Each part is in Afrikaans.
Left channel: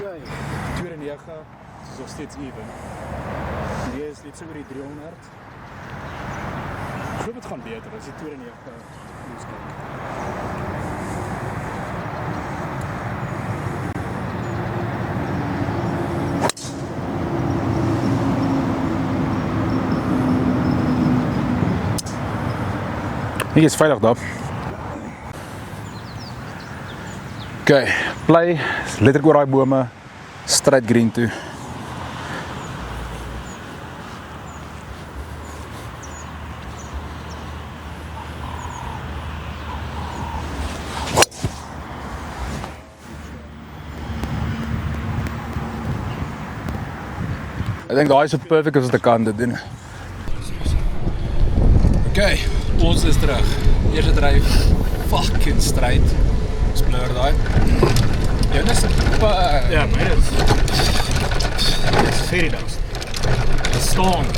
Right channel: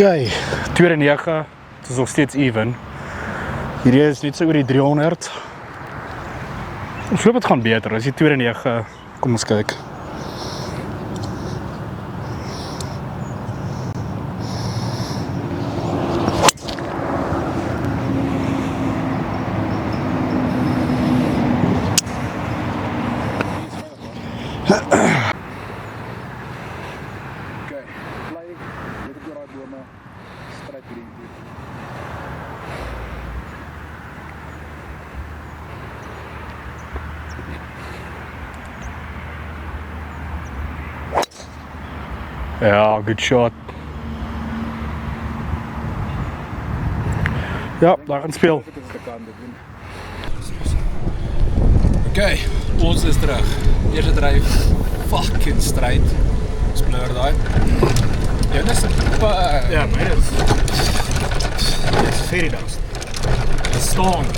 Okay, 2 en 9, het is nog steeds even. Hierdie is net so oor die 300. Ek hoop het gaan beter, as die 2 en 9, kom ons kyk. Hier is veilig daar. Okay, play, letterlik oor daai bome, straight green toe. Ja, good shot. Ja, Ek dink daai is perfek as dit kan dit doen. Okay, ons is terug. Eerste dryf, fucking straight. Spleur daai. Jonas, ja, myne is very dust. Het staan.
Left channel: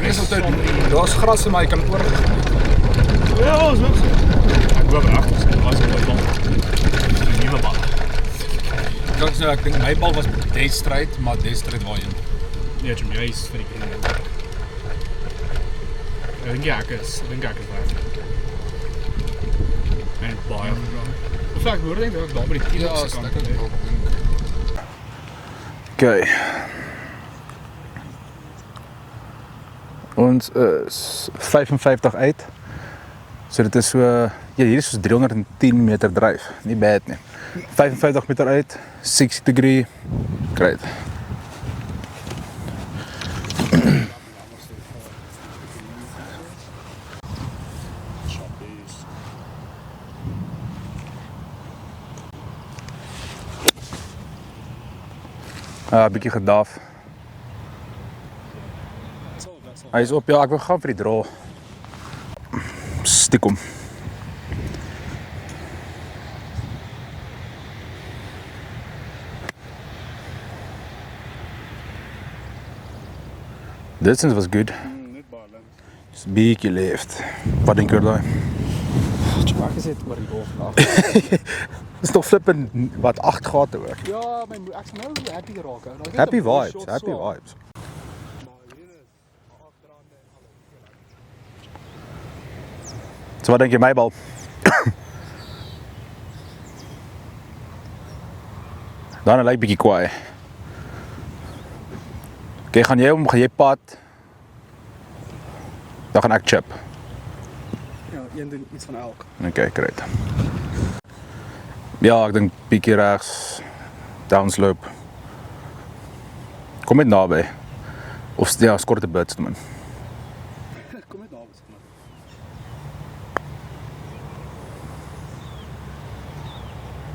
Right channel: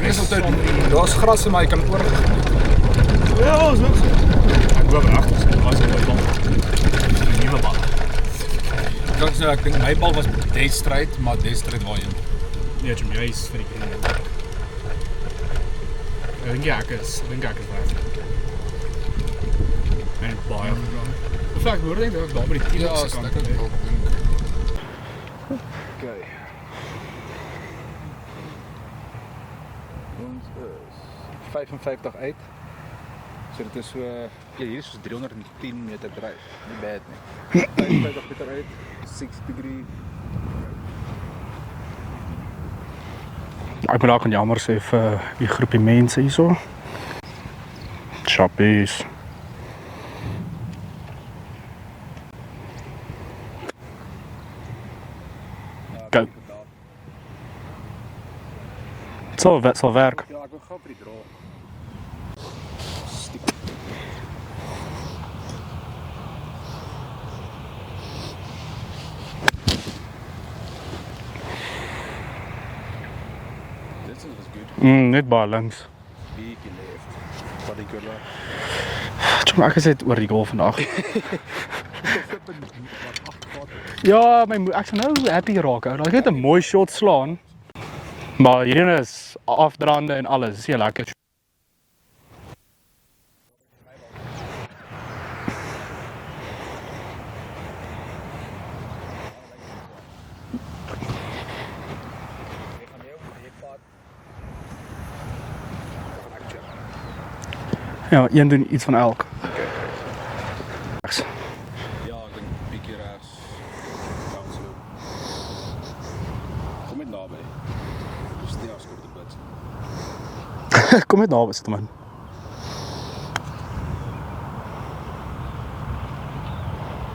Dis altyd, daar's gras in my kan oorgegaan. Ja, is ook so. Ek hoop agter sy was op die bal. Die nuwe bal. Ek dink my bal was dead straight, maar dead straight waarheen. Nee, Jim, jy is vir die kinderen. Ek dink ek is waar. En baie gegaan. Of ek hoor denk dat ek daar by die 10 Ja, op sy kant. ek dink. Okay. Ons is 55 uit. So dit is so, ja, hier is soos 310 meter dryf. Nie bad nie. 55 meter uit, 60 degree, great. Ek wil ook jammer sê vir die groepie mense hierso. Chappies. Bietjie gedaf. Sal Hy is werk. op, ja, ek wil gaan vir die draw. Stiekom. Distance was good. Net baie links. Just bietjie left. Wat dink jy daai? Jim, ek gesê oor die golf vandag. Dis toch flippend wat 8 gate hoor. Ja, ek sal nou happy raak. Ou. Ek het 'n mooi shot slaan. Maar hierin is afdraande en alles. Dis heel lekker. So wat dink jy my bal? Dan lyk bietjie kwaai. Okay, gaan jy pad? Dan gaan ek chip. Ja, een doen iets van elk. Okay, great. Ja, ek dink bietjie regs. Downslope. Kom net naby. Of ja, skort 'n bit man. Kom net naby sit man.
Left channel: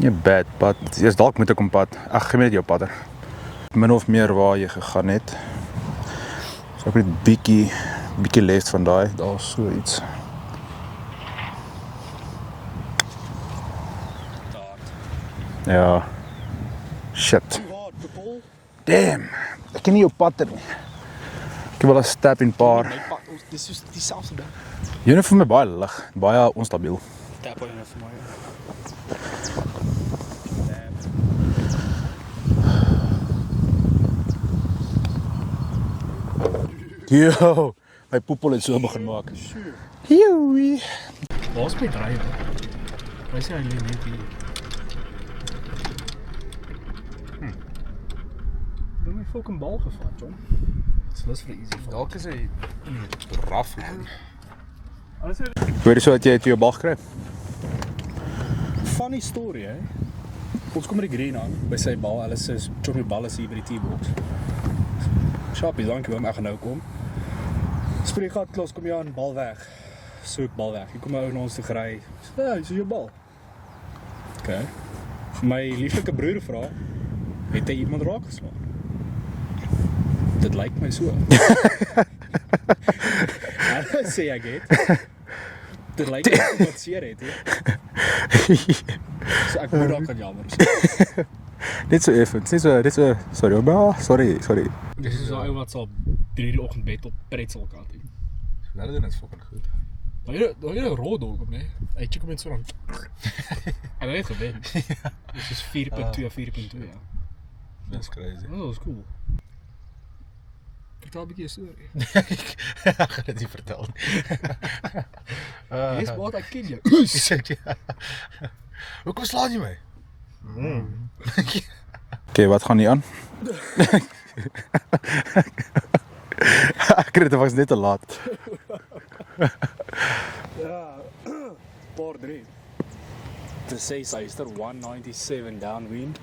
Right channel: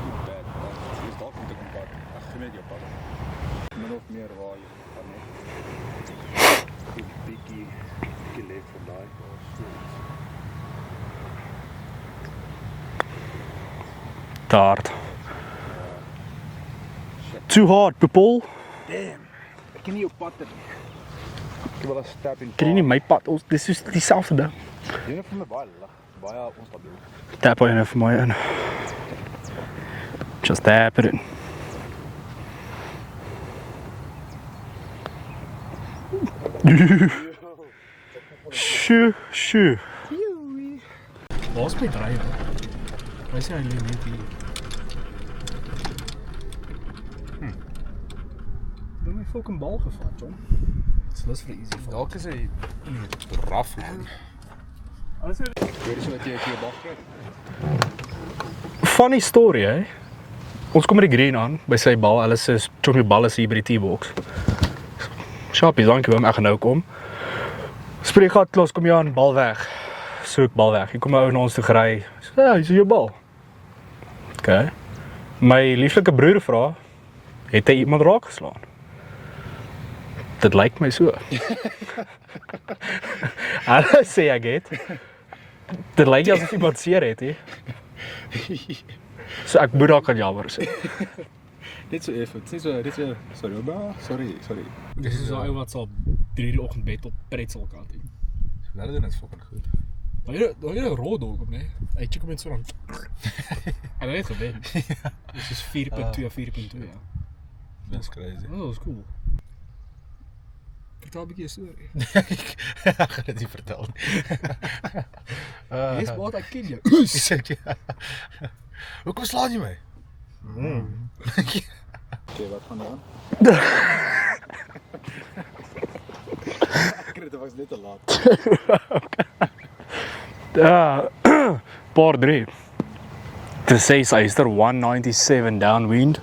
Nie bad pad. Jy's dalk met 'n kompad. Ag, gee my net jou padder. Min of meer waar jy gegaan het. So ek het bietjie left van daai, daar's so iets. Te hard. Ja. Shit. Too hard, people. Damn. Ek ken nie jou padder nie. Ek wil 'n step in Ken jy nie paar. my pad? Dis is dieselfde ding. Joune vir my baie lig, baie onstabiel. Tap hy nou vir my in. Just tap it in. Yo, my poepel het so begin maak. Shoo. Joey. Waar's my drywer? Hy sê hy lê net hier. Doen my fucking bal gevat, John. Dit's lus vir 'n easy val. Dalk is hy raf man. Alles is Hoor jy so dat jy het jou bal gekry? funny story, hè. Ons kom met die green aan by sy bal. Hulle sê Johnny bal is hier by die T-box. Sharpie, dankie oom, ek gaan nou kom. Spreek gat klos, kom jy aan, bal weg. Soek bal weg. Hier kom 'n ou na ons toe gery. Sê, ja, hier is jou bal. Okay. My lieflike broer vra, het hy iemand raak geslaan? Dit lyk my so. Hulle sê ek het. Dit lyk asof iemand seer het, hè. So ek moet dalk aan jammer sê. Net so effens, net so, sorry ouma, sorry. Dis is daai ou wat sal 3 die oggend bed op pretzel kat het. Hulle doen dit fucking goed. Daai is 'n raw dog op, nee. Hy check hom net so dan. En hy het gewen. Dis is 4.2 of 4.2, ja. That's crazy. Oh, dat is cool. Vertel 'n bietjie 'n storie. Ek gaan dit nie vertel nie. Dis wat ek ken jou. Hoekom slaan jy my? Okay, wat gaan nie aan? Ek het dit was net te laat. Ja, paar 3. To say Sister 197 downwind.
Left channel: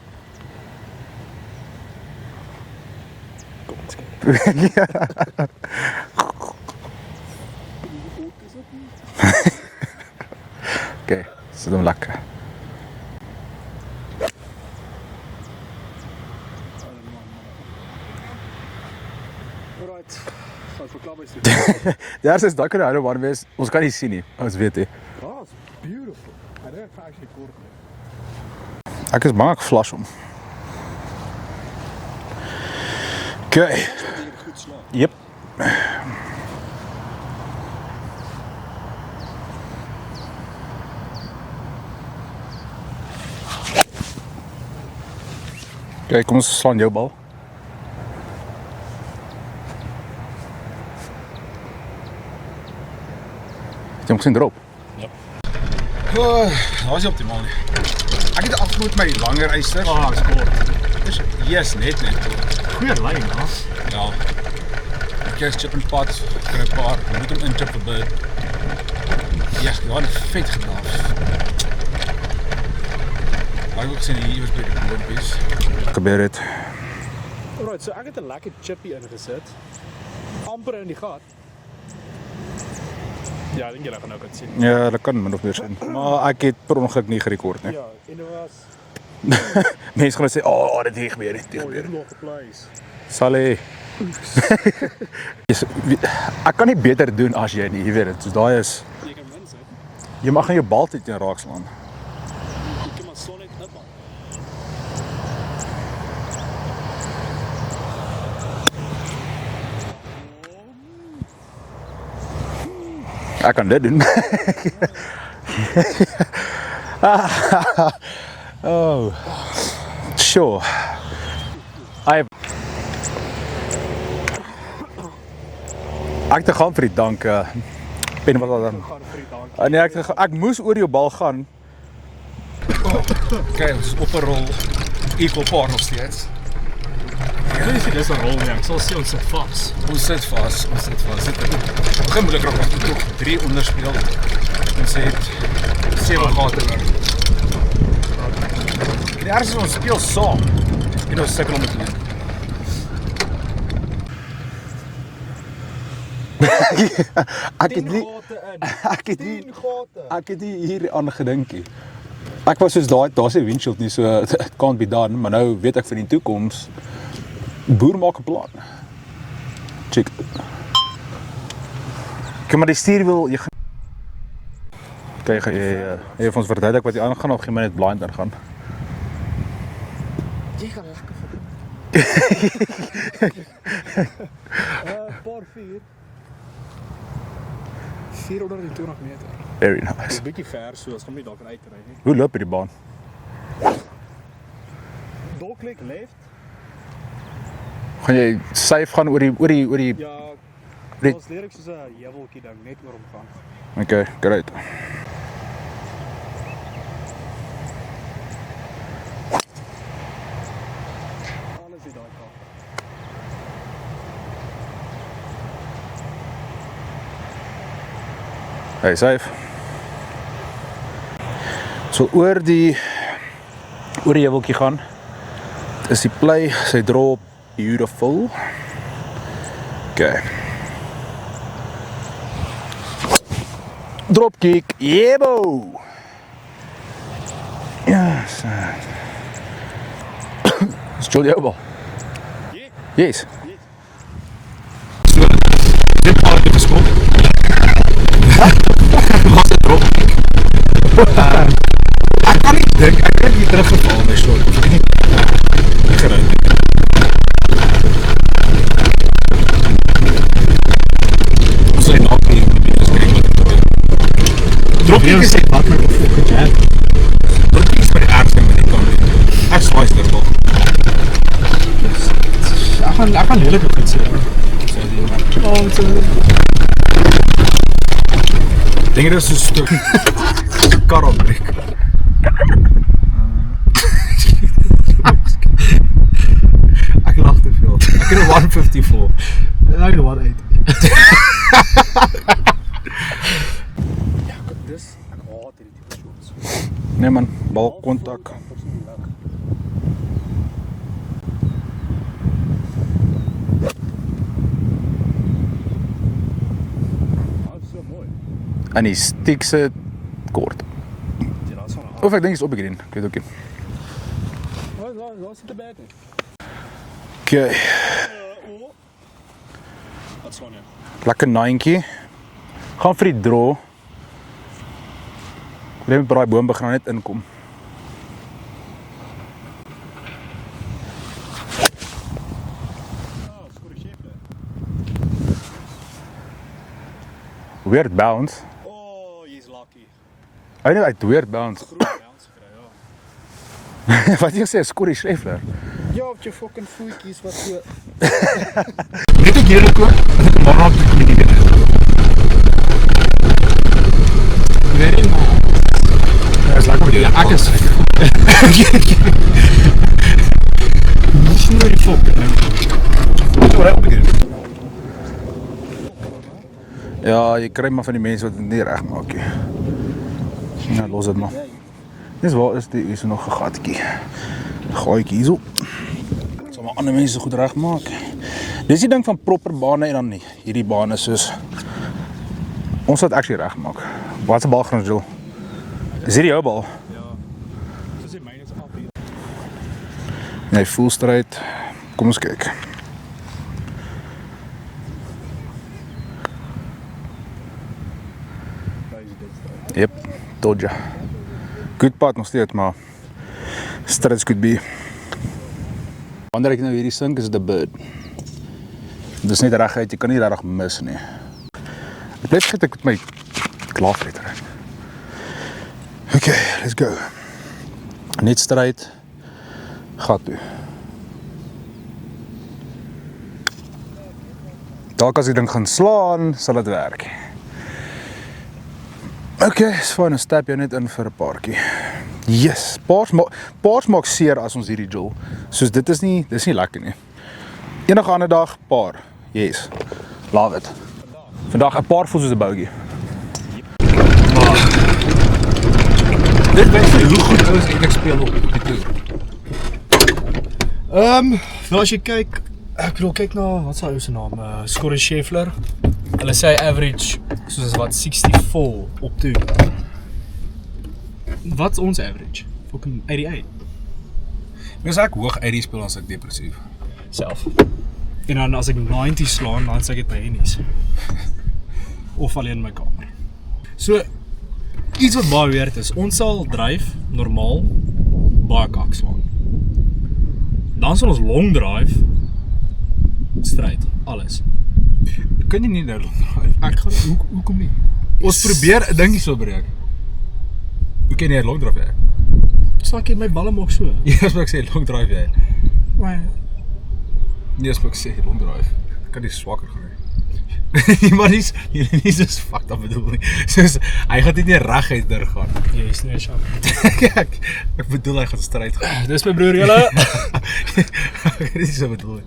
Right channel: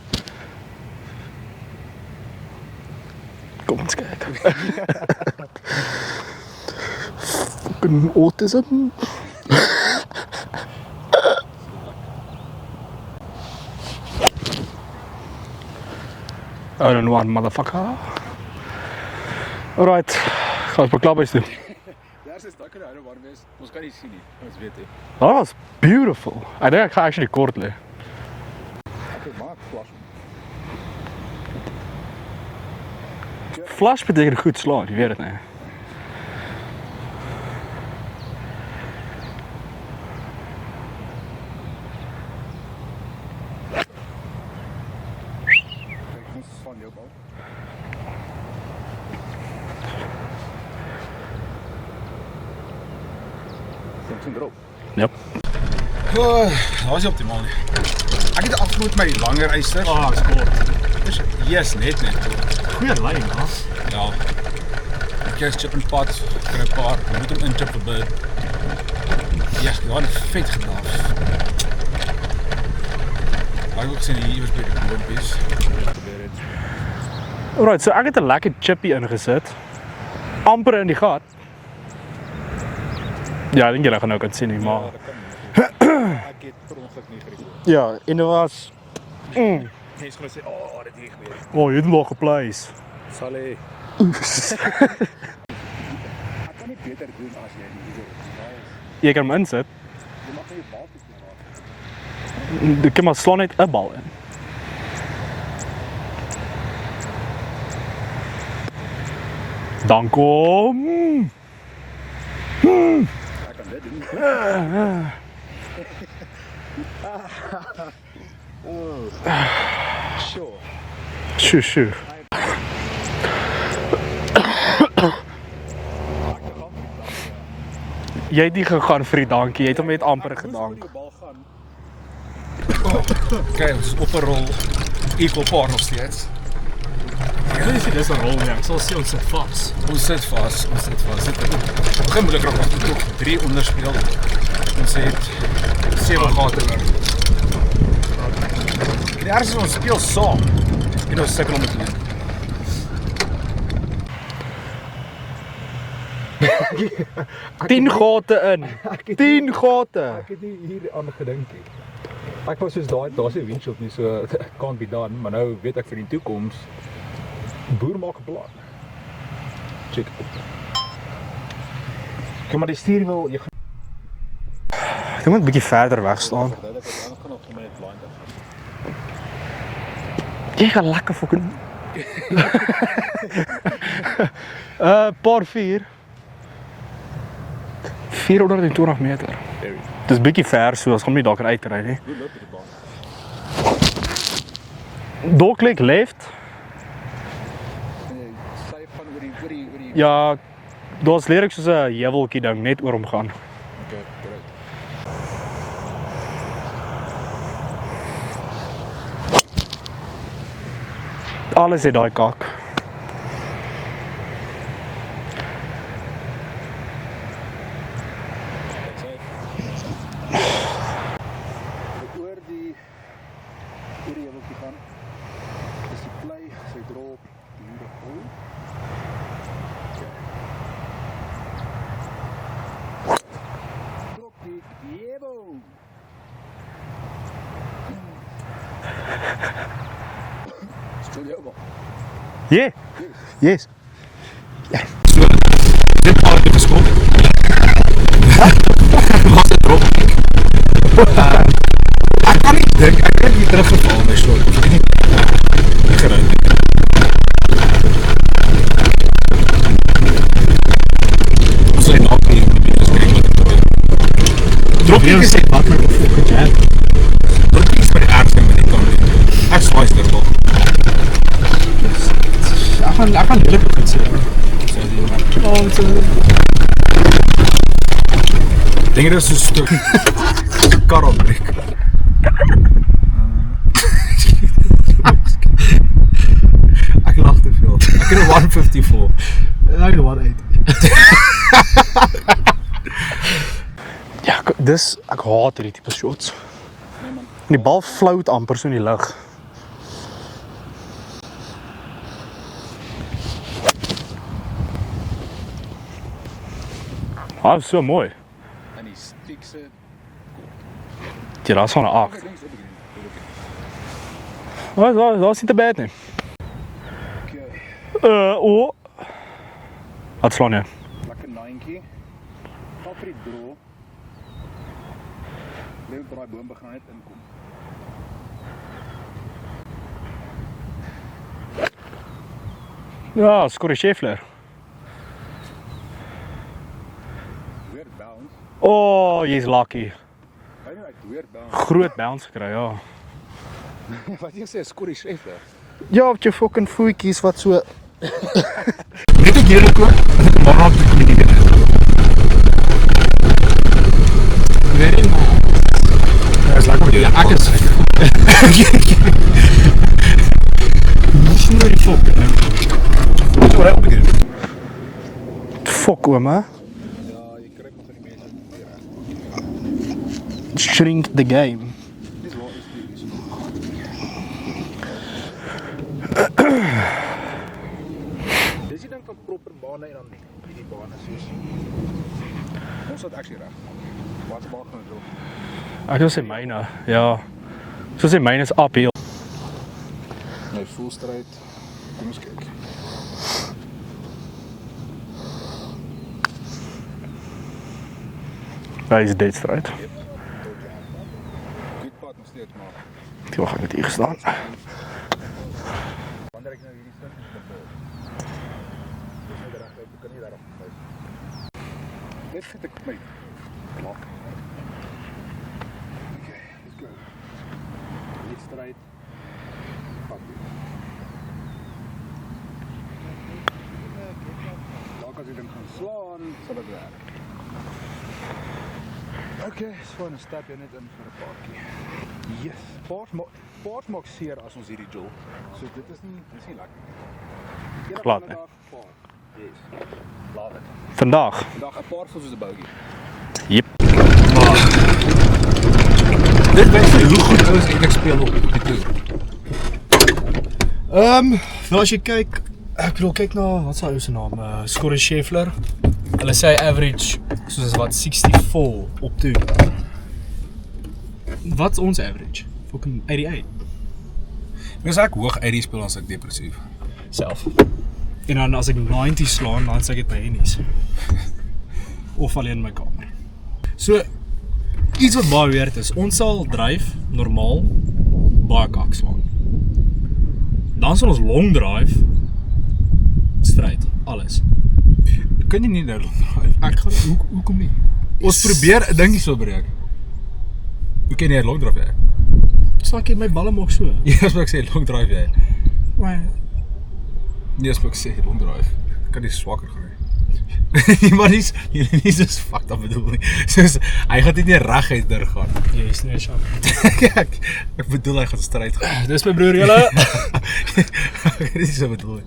Kom ons kyk. Fucking autism. Okay, sit hom lekker. I don't want motherfucker. Alright, gaan ons beklap is doen. Die eerste is dat kan nou maar wees. Ons kan nie sien nie. Ons weet nie. That was beautiful. I think ek gaan actually kort lê. Ek is bang ek flash hom. Okay. Flash beteken goed slaan, jy weet dit nie. Okay, kom ons slaan jou bal. Jy moet sien drop. Yep. Dat was nie optimaal nie. Ek het afgeloop my langer eisters. Ah, is kort. Yes, net. Goeie lyn, hè? Ja. Ek is chip en pot, kry 'n paar, moet hom inchip vir bird. Ja, jy het vet gedraaf. Maar ek sien hier was by die boontjies. Gebeur het. Alright, so ek het 'n lekker chippy ingesit. Amper in die gat. Ja, ek dink julle gaan nou kan sien nie. Ja, dat kan min of meer sien. Maar ek het per ongeluk nie gerekord nie. Ja, en dit was Mense gaan sê, "Oh, dit het gebeur het." oh, jy het nog geplaas. Sal hy. Ek kan nie beter doen as jy nie, jy weet dit. So daai is Jy kan hom insit. jy mag nie jou bal teen raak slaan. Jy kan maar slaan net 'n bal in. Dan kom. Ek kan dit doen. Oh. Sure. Sjoe. Ek het gaan vir die dank. Jy het nie gegaan vir die dankie. Jy het hom net amper. Ek moes oor jou bal gaan. Kyk, ons is op 'n rol. Equal par nog steeds. Ek weet nie dis 'n rol nie. Ek sal sê ons sit vas. Ons sit vas. Dit begin moeilik raak as jy 3 onderspeel. Ons het 7 gate oor. Die eerste is ons speel saam. En ons sukkel om dit te doen. Ek 10 het nie- gate in. Ek het 10 gate. Ek het nie hier aan gedinkie. Ek was soos daar's 'n windshield nie, so it can't be done, maar nou weet ek vir die toekoms boer maak 'n plan. Check. Kom maar die stuurwiel, jy Jy moet 'n bietjie verder weg Jy staan. ons verduidelik wat jy aangaan of jy maar net blind ingaan. Jy gaan lekker fucking paar 4. 420 meter. Very nice. Dis bietjie ver, so ons gaan nie daar kan uitry nie. Hoe loop jy die baan? Doklik left. Gaan jy safe gaan oor die Ja, daar's leer soos 'n heuweltjie ding net oor hom gaan. Okay, great. Alles het daai kak. Hey, safe. So oor die heuweltjie gaan. Is die play, sy drop beautiful. Okay. Drop kick. Yebo. Yes. Stil jou bal. Yeah. Yes. Dit paar het geskop. Was dit drop? Ek kan nie dink ek het hier teruggeval my short. Ek het nie gery. Ons sê nou nie dis kyk wat gebeur. Drop jy sê wat my fucking jam. Drop jy vir die ergste met die kan. Ek swaai sterk. Ek gaan lelik begin sê. Dink dit is so 'n stuk kar opbreek. Ek lag te veel. Ek het 'n 154. Ek het 180. Ja, ek haat hierdie tipe shots. Nee man, Die bal float amper so in die lug. So mooi. En die stiek se kort. Ja, daar is van 'n af. Of ek dink is op die green. Ek weet ook nie. Dat is niet te bad nie. Okay. Wat slaan jy? Lekker 9. Gaan vir die draw. Ek moet by daai boom begin net inkom. Ja, Scotty Scheffler. Weird bounce. Jy's lucky. Hy het uit weird bounce. Groot bounce gekry, ja. Wat jy sê, Scotty Scheffler. Ja, op jou fucking voetjies wat so Net ek hierdie koop, ek het maar op die knie gedoen. Very nice. Ja, is lekker met jou. Ek is nie die fok. Wat wou hy opgedoen? fok ouma. Ja, jy kry maar van die mense wat dit nie reg maak nie. Shrink the game. Dis waar is die is er nog 'n gatjie. Gaatjie hierso. En die mense goed reg maak. Dis die ding van proper bane en dan nie. Hierdie bane soos ons wat actually reg maak. Wat 'n bal gaan ons doen? Is hierdie jou bal? Ja. Soos die myne is uphill. Nee, full straight. Kom ons kyk. Hy is dead straight. Yep, told ya. Good pad nog steeds, maar straight could be. Wanneer ek nou hierdie sink, is dit 'n bird. Dis net reguit, jy kan nie regtig mis nie. Ek bly vergeet ek met my klaarvreter. Okay, let's go. Net straight. Gat toe. Dalk as die ding gaan slaan, sal dit werk. Okay, is fyn, dan stap jy net in vir 'n paartjie. Yes, paars maak seer as ons hierdie jol. Soos dis nie lekker nie. Enige ander dag, paar. Yes. Love it. Vandag 'n paar voel soos 'n bogey. Yep. Dit wys hoe goed ouens eintlik speel op die toer. Nou as jy kyk, ek bedoel kyk na wat is hy se naam? Scotty Scheffler. Hulle sê average soos wat 64 op toe. Wat's ons average? Fucking 88 As ek hoog uit die speel, dan is ek depressief. self. En dan as ek 90 slaan, dan sê ek dit by Hennies. Of alleen in my kamer. So iets wat baie weird is, ons sal dryf normaal baie kak slaan. Dan sal ons long drive straight, alles. Kan jy nie nou draai? Ek gaan hoekom nie? Ons probeer 'n dingie so breek. Hoe kan jy long drive jy? Sak jy my balle maak so. Ja, as ek sê long drive jy. Maar Nee, as ek sê long drive, kan jy swakker gaan nie. Maar nie so fucked up bedoel nie. Soos hy gaan dit nie reguit deur gaan. jy is nie sharp. Ek bedoel hy gaan stryd gaan. Dis my broer julle. Dit is so bedoel nie.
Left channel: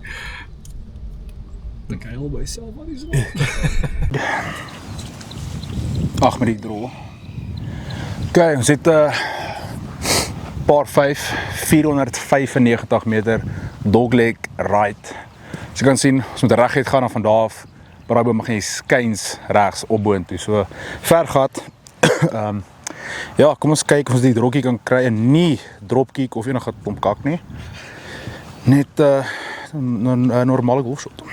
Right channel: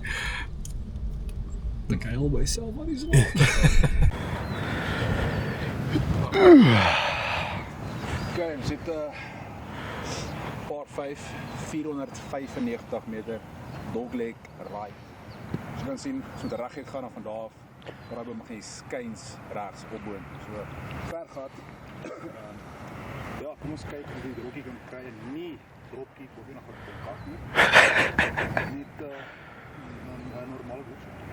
Ek huil by self wat is Ag nee. Okay, ons het paar 5, 495 meter dogleg right. As jy kan sien, ons moet reguit gaan en van daar af daai boom gaan jy skuins regs op boontoe. So ver gat. Ja, kom ons kyk of ons die drokkie kan kry en nie dropkick of enige klomp kak nie. Net 'n normale golfshot.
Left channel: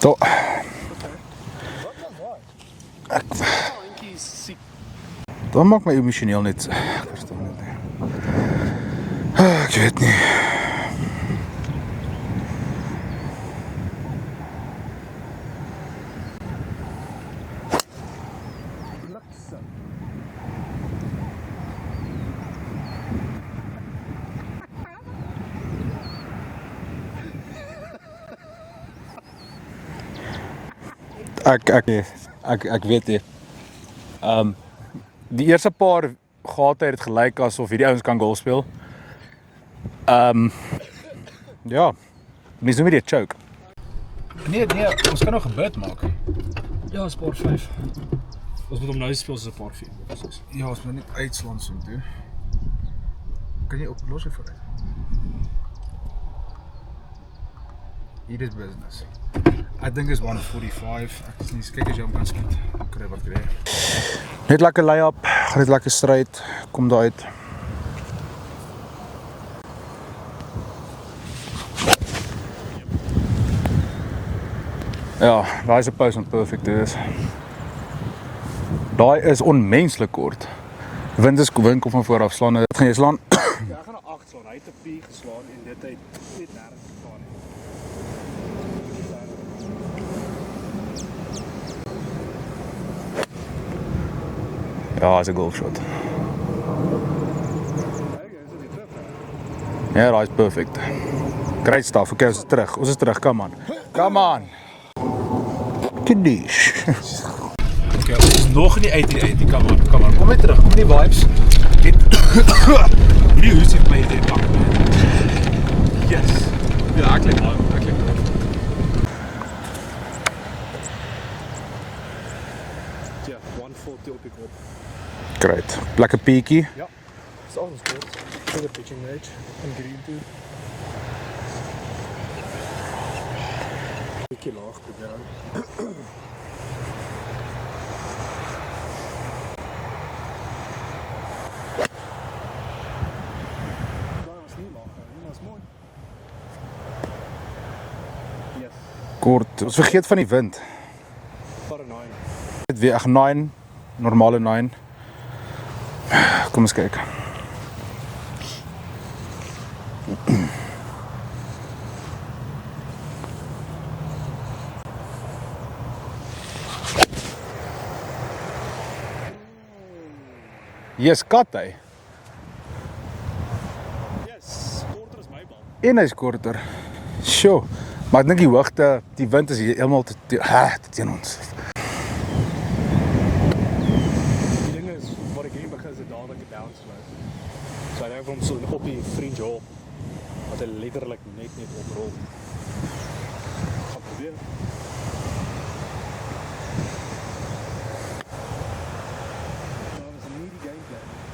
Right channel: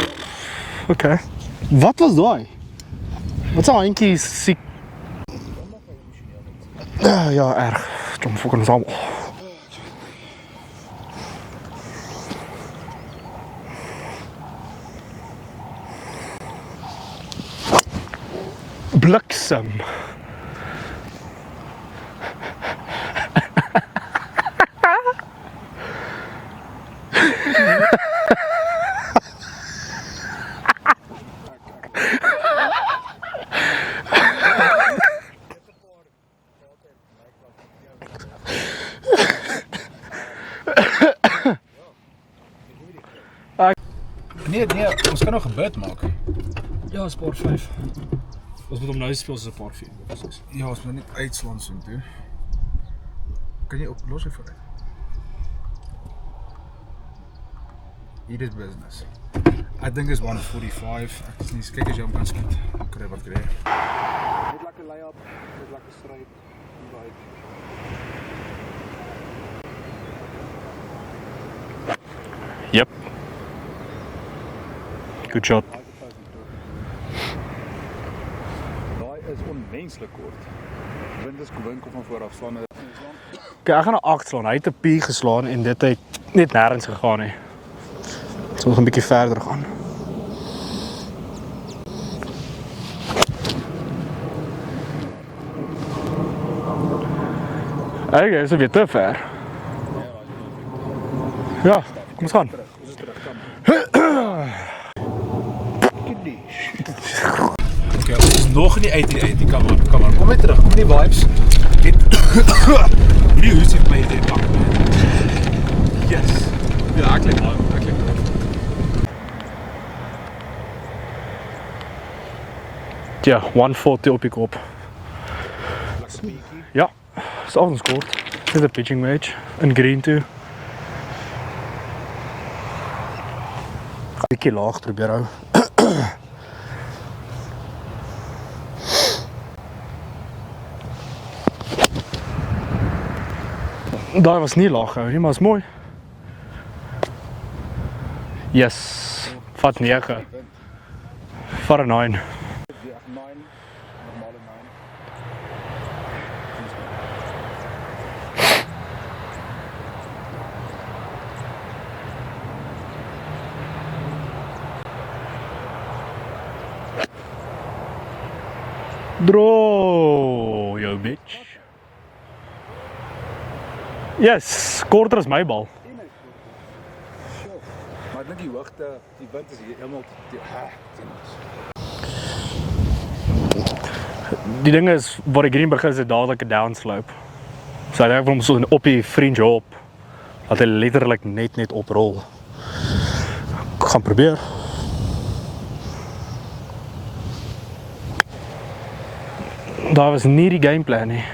So, Okay. Wat was daai? Wat sou eintjie siek? dat maak my emosioneel net. Ja, erg. John fucking Sam. Ek weet nie. Bliksem. Ek weet nie. Die eerste paar gate het gelyk asof hierdie ouens kan golf speel. Ja. Mens noem dit 'n choke. Nee, ons kan nog 'n bid maak. Ja, is par 5. Ons moet hom nou speel soos 'n par 4. Ja, ons moet net uitslaan so toe. Kan jy oplos hy vooruit? Hier is business. Ek dink is 145. Ek is nie kyk as jy hom kan skiet. Kry wat kry. Net lekker lay-up, gaan net lekker stryd, kom daar uit. Yep. Ja, Good job. daai is 'n post wat perfect is. Daai is onmenslik kort. Wind kom van voor af slaan. Dit gaan jy slaan. Okay, ek gaan na 8 slaan. Hy het 'n P geslaan en dit het net nêrens gegaan nie. So ons gaan 'n bietjie verder gaan. Ja, is 'n golf shot. Okay, so weer te ver. Ja, daai is perfect. Ja, Great stuff. Okay, ons gaan. terug. Ons is terug. Come on. Come on. Kiddies. Okay, ons is nog nie uit die kom aan. Kom net terug. Kom die vibes. Dit hierdie huis het my idee pak. Yes. Ja, ek klink maar. Ja, 140 op die kop. Great. Lekker peakie. Ja, is al ons kort. Dit 'n pitching match in green toe. Bietjie laag probeer hou. Daai was nie laag gehou nie, maar is mooi. Yes. Kort. Wat Ons vergeet nege. van die wind. Vir 'n 9. Dit weer 9, normale 9. Kom ons kyk. Draw. Yes, kat hy. Yes, korter as my bal. En hy's korter. Sjoe. Maar ek dink die hoogte, die wind is heeltemal teen ons. Die ding is, waar die green begin is dit dadelik 'n downslope. So hy het hom so op die fringe op, dat hy letterlik net oprol. Ek gaan probeer. Daar was nie die gameplan nie.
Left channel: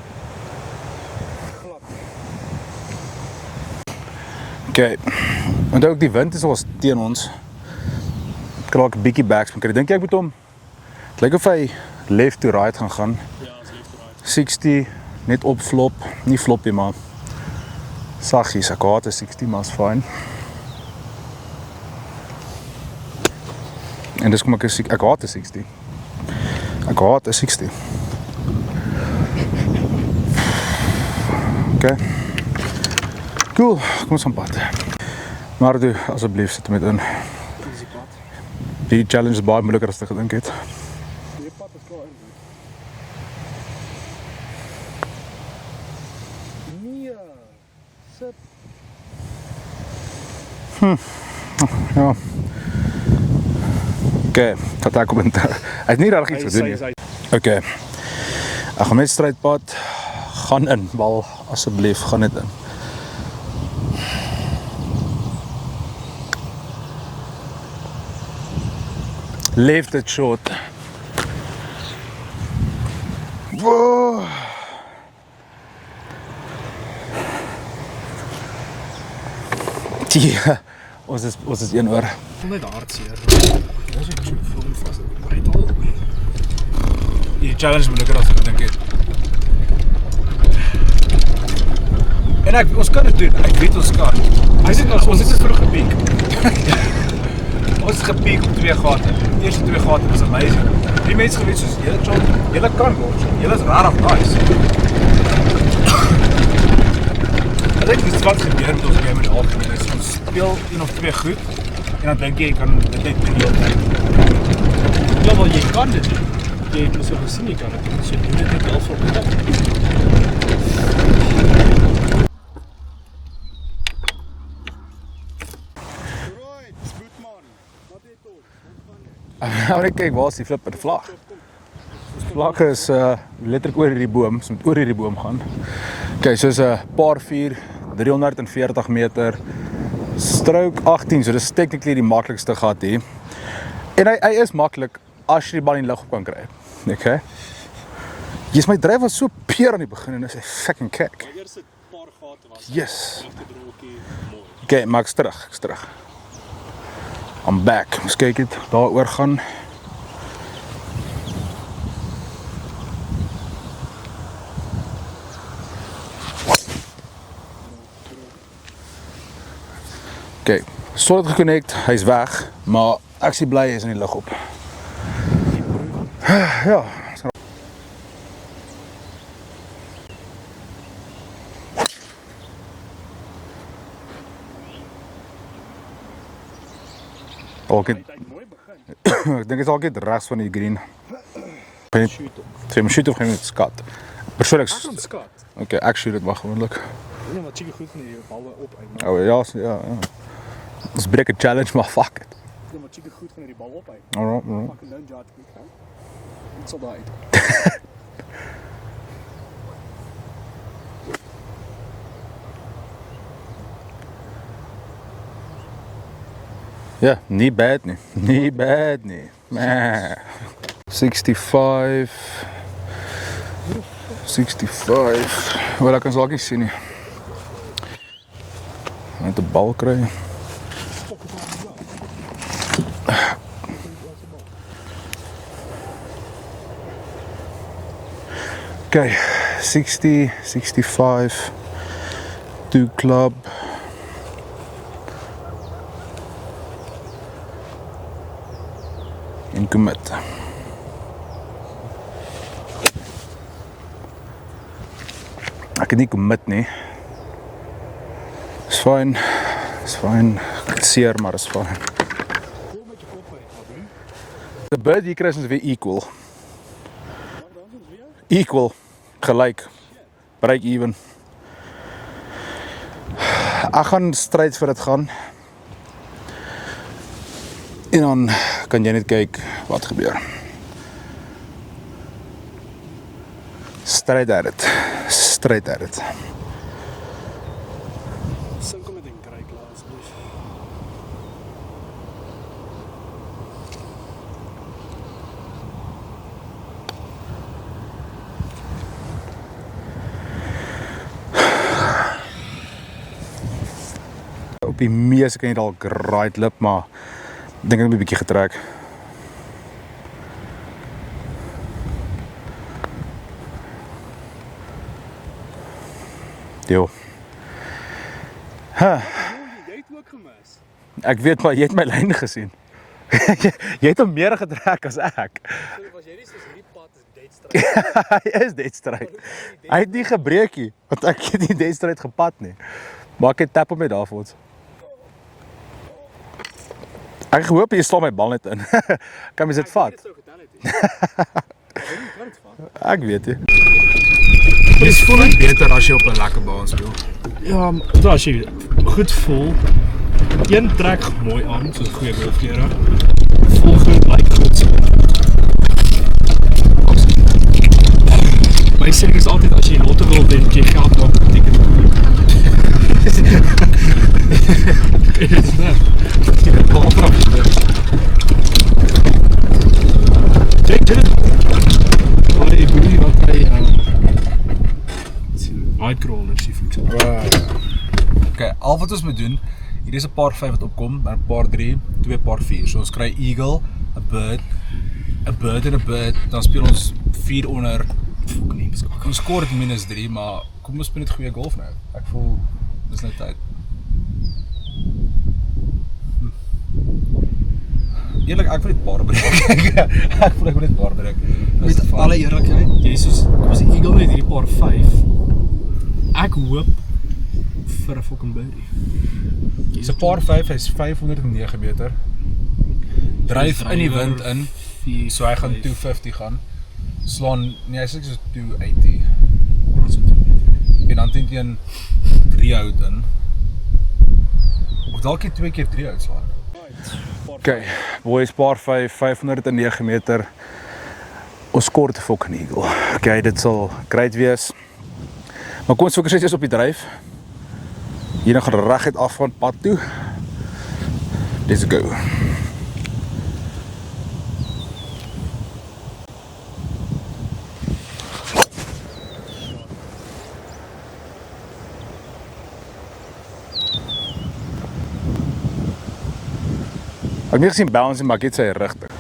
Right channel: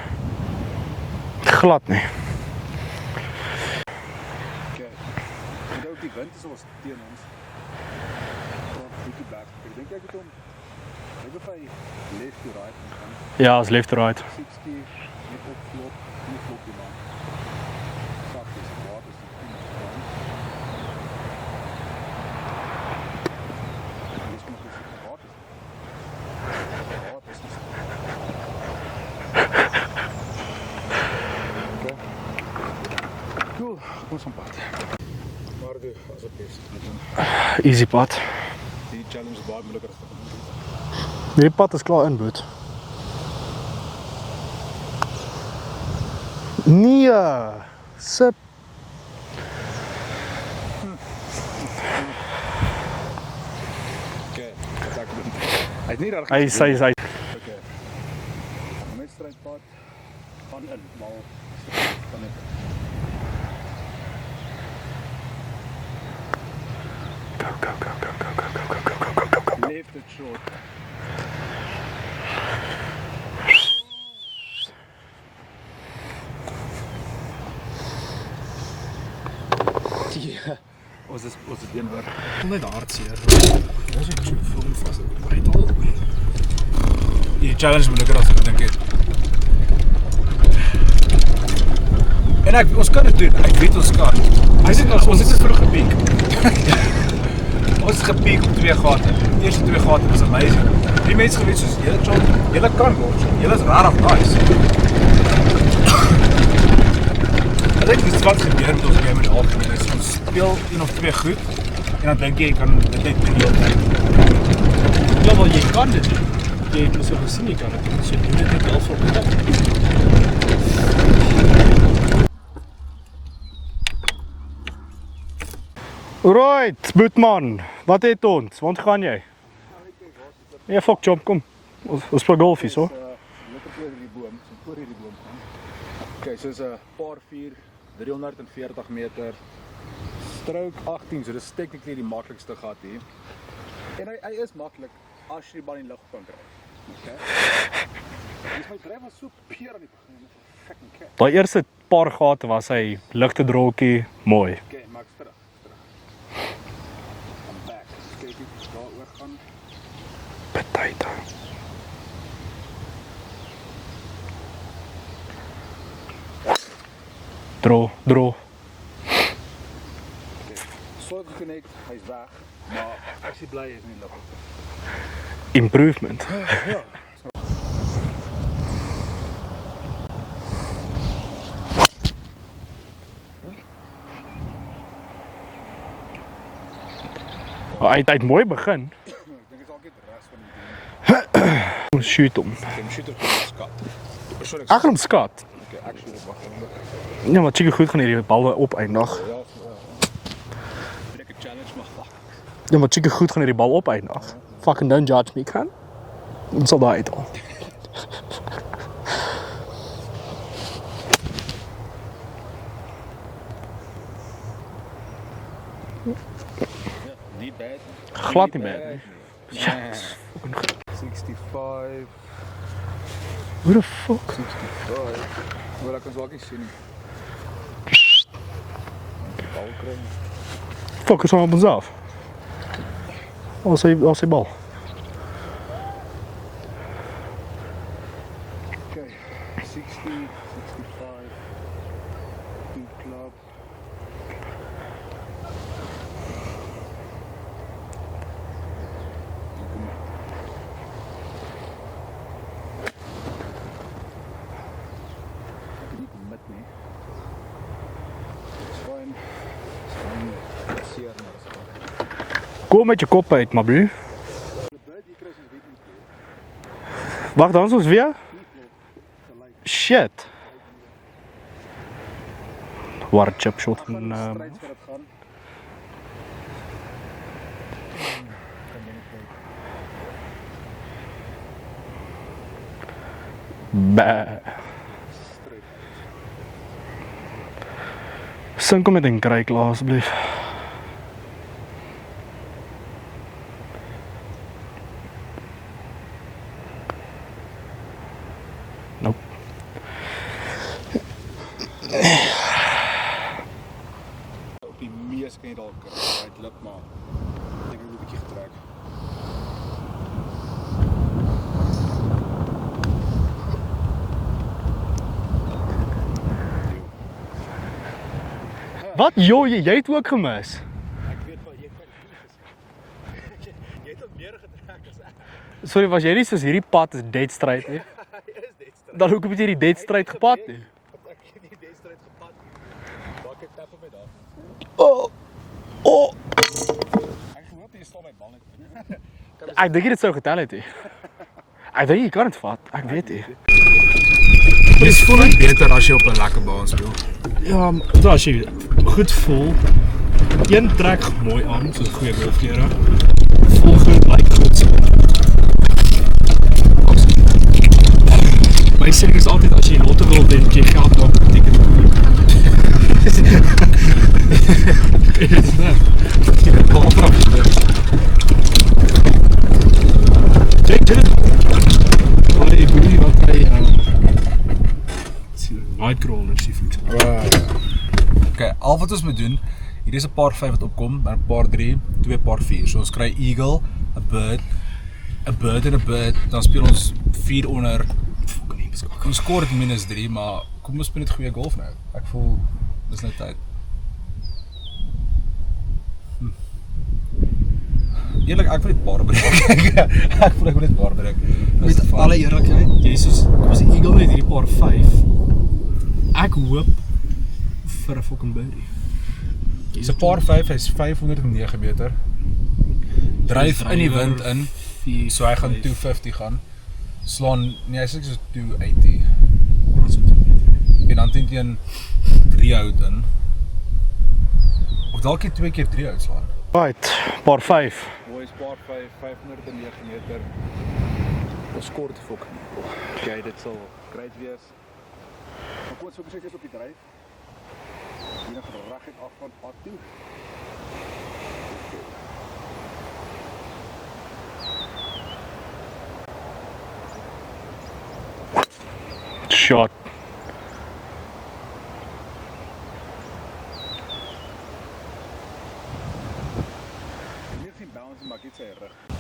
Glad nie. Okay. En ook die wind is ons teen ons. Ek kan ook 'n bietjie backspin kry. Dink jy ek moet hom lyk of hy left to right gaan. Ja, as left to right. 60 net op flop, nie flop nie maar saggies, ek haat 'n 60 maar is fyn. En dis kom ek haat 'n 60. Ek haat 'n 60. Okay. Cool, kom ons aan pad. Maar doe asseblief sit met in. Easy pad. Die challenge is baie moeiliker as ek gedink het. Die pad is klaar in, boet. Nee, sip. Ja. Okay, vat ek kommentaar. Hy het nie reg Hy iets sê gesê. Okay. Ek gaan met strydpad gaan in, bal asseblief, gaan net in. Left it short. Wow. Ja, ons is 1 oor. Kom net hartseer. Dis ek so voel vas. Maar dit al. Die challenge moeiliker as ek gedink het. En ons kan dit doen. Ek weet ons kan. Ons het vroeg gepiek. Ons het gepiek op 2 gate. Die eerste 2 gate was amazing. Die mense geweet soos julle kan word. Julle is rarig nice. Ek dink dis wat gebeur met ons game in die algemeen. Ons speel 1 of 2 goed en dan dink jy kan dit net doen. Ja, wel jy kan dit doen. jy het ons so gesien, jy kan het. So doen dit net wel vir my. Alright, Boetman, wat het ons? Want gaan jy? Nou net kyk, waar is die flipper? Ja, fuck chop, kom. Ons speel golf Vlag is hierso. letterlik oor hierdie boom, so moet oor hierdie boom gaan. Okay, soos 'n par 4, 340 meter, stroke 18, so dis technically die maklikste gat hier. En hy is maklik as jy die bal in die lug op kan kry. Okay. My dryf was so peer aan die begin en is hy fucking kick. By eerste paar gate was hy ligte drolkie, mooi. Okay, maar ek's terug. I'm back. Ons kyk dit daar oor gaan. Betyd. Draw. Okay, solid geconnect, hy's weg, maar ek sien bly hy is in die lug op. Improvement. Ja. Hy het mooi begin. Ek dink dit is al net regs van die green. Shoot hom. Sy moet shoot of geen skat. Persoonlik. Ek gaan skat. Okay, ek shoot dit maar gewoonlik. Ja, maar chique goed gaan hierdie bal opeindig. Oh, ja. Dis breek 'n challenge, maar fuck it. Ja, maar chique goed gaan hierdie bal opeindig. Alright. Fucking don't judge me, kan? Ons sal daai uithaal. Ja, nie bad nie. Glad Nie bad nie. 65. Hoe the fuck? 65. Wel, ek kan dalk nie sien nie. Net 'n bal kry. Fokus op onsself. Als hy bal. Okay, 60, 65, 2 club. En commit. Ek het nie commit nie. Is fine. Ek het seer, maar is fine. Kom met jou kop uit, my bro. The bird hier kry ons weer equal. Wag, dan is ons weer? Equal. Gelyk. Shit. Break even. Ek gaan stryd vir dit gaan. En dan kan jy net kyk wat gebeur. Stryd uit dit. Sink hom met 'n kry klaar asseblief. Nope. Op die mees kan jy dalk right lip, maar ek dink ek het 'n bietjie getrek. Jo. Wat? Jo, jy het ook gemis. Ek weet maar jy het my lyn gesien. jy het hom meer getrek as ek. Sorry, was jy nie soos hierdie pad is dead straight? Hy is dead straight. Dan hoekom het jy die dead Hy het nie straight gebreek nie, want ek het nie dead straight gepad nie. Maar ek het tap op my daarvoor. Oh. Ek gehoop jy slaan my bal net in. Kan mens dit Ek dink dit sou getel het. Ek dink jy kan dit vat. Ek weet nie. Dit is voel net beter as jy op 'n lekker baan speel. Ja, maar as jy goed voel, een trek mooi aan, soos goeie golfklere. Volgende lyk goed so. My sê is altyd as jy lotto wil wen, jy geld maak op ticket. Dit is net. Check dit. Maar ek bedoel wat hy Nightcrawler sê fiks. Okay, al wat ons moet doen, hier is 'n paar 5 wat opkom, dan 'n paar 3, 2 paar 4. So ons kry eagle, 'n bird en 'n bird, dan speel ons 4 onder. Nee, ons score dit -3, maar kom ons speel net goeie golf nou. Ek voel dis nou tyd. Eerlik, ek wil net paar breek. ek wil net paar breek. Met alle eerlikheid, jy soos kom ons die eagle net hierdie paar 5. Ek hoop vir 'n fucking birdie. Dis 'n paar 5, hy's 509 meter. Dryf in die wind in. So hy gaan 250 gaan. slaan, nee, hy sê so 280. En dan teen jy 'n 3 hout in. Of dalk jy 2 keer 3 hout slaan. Right, paar 5. Boys, paar 5, 509 meter. Ons kort fucking eagle. Okay, dit sal great wees. Maar kom ons fokus net op die dryf. Hier gaan reguit af van pad toe. Let's go. Shot. Ek het nie gesien bounce maar ek het sy rigting.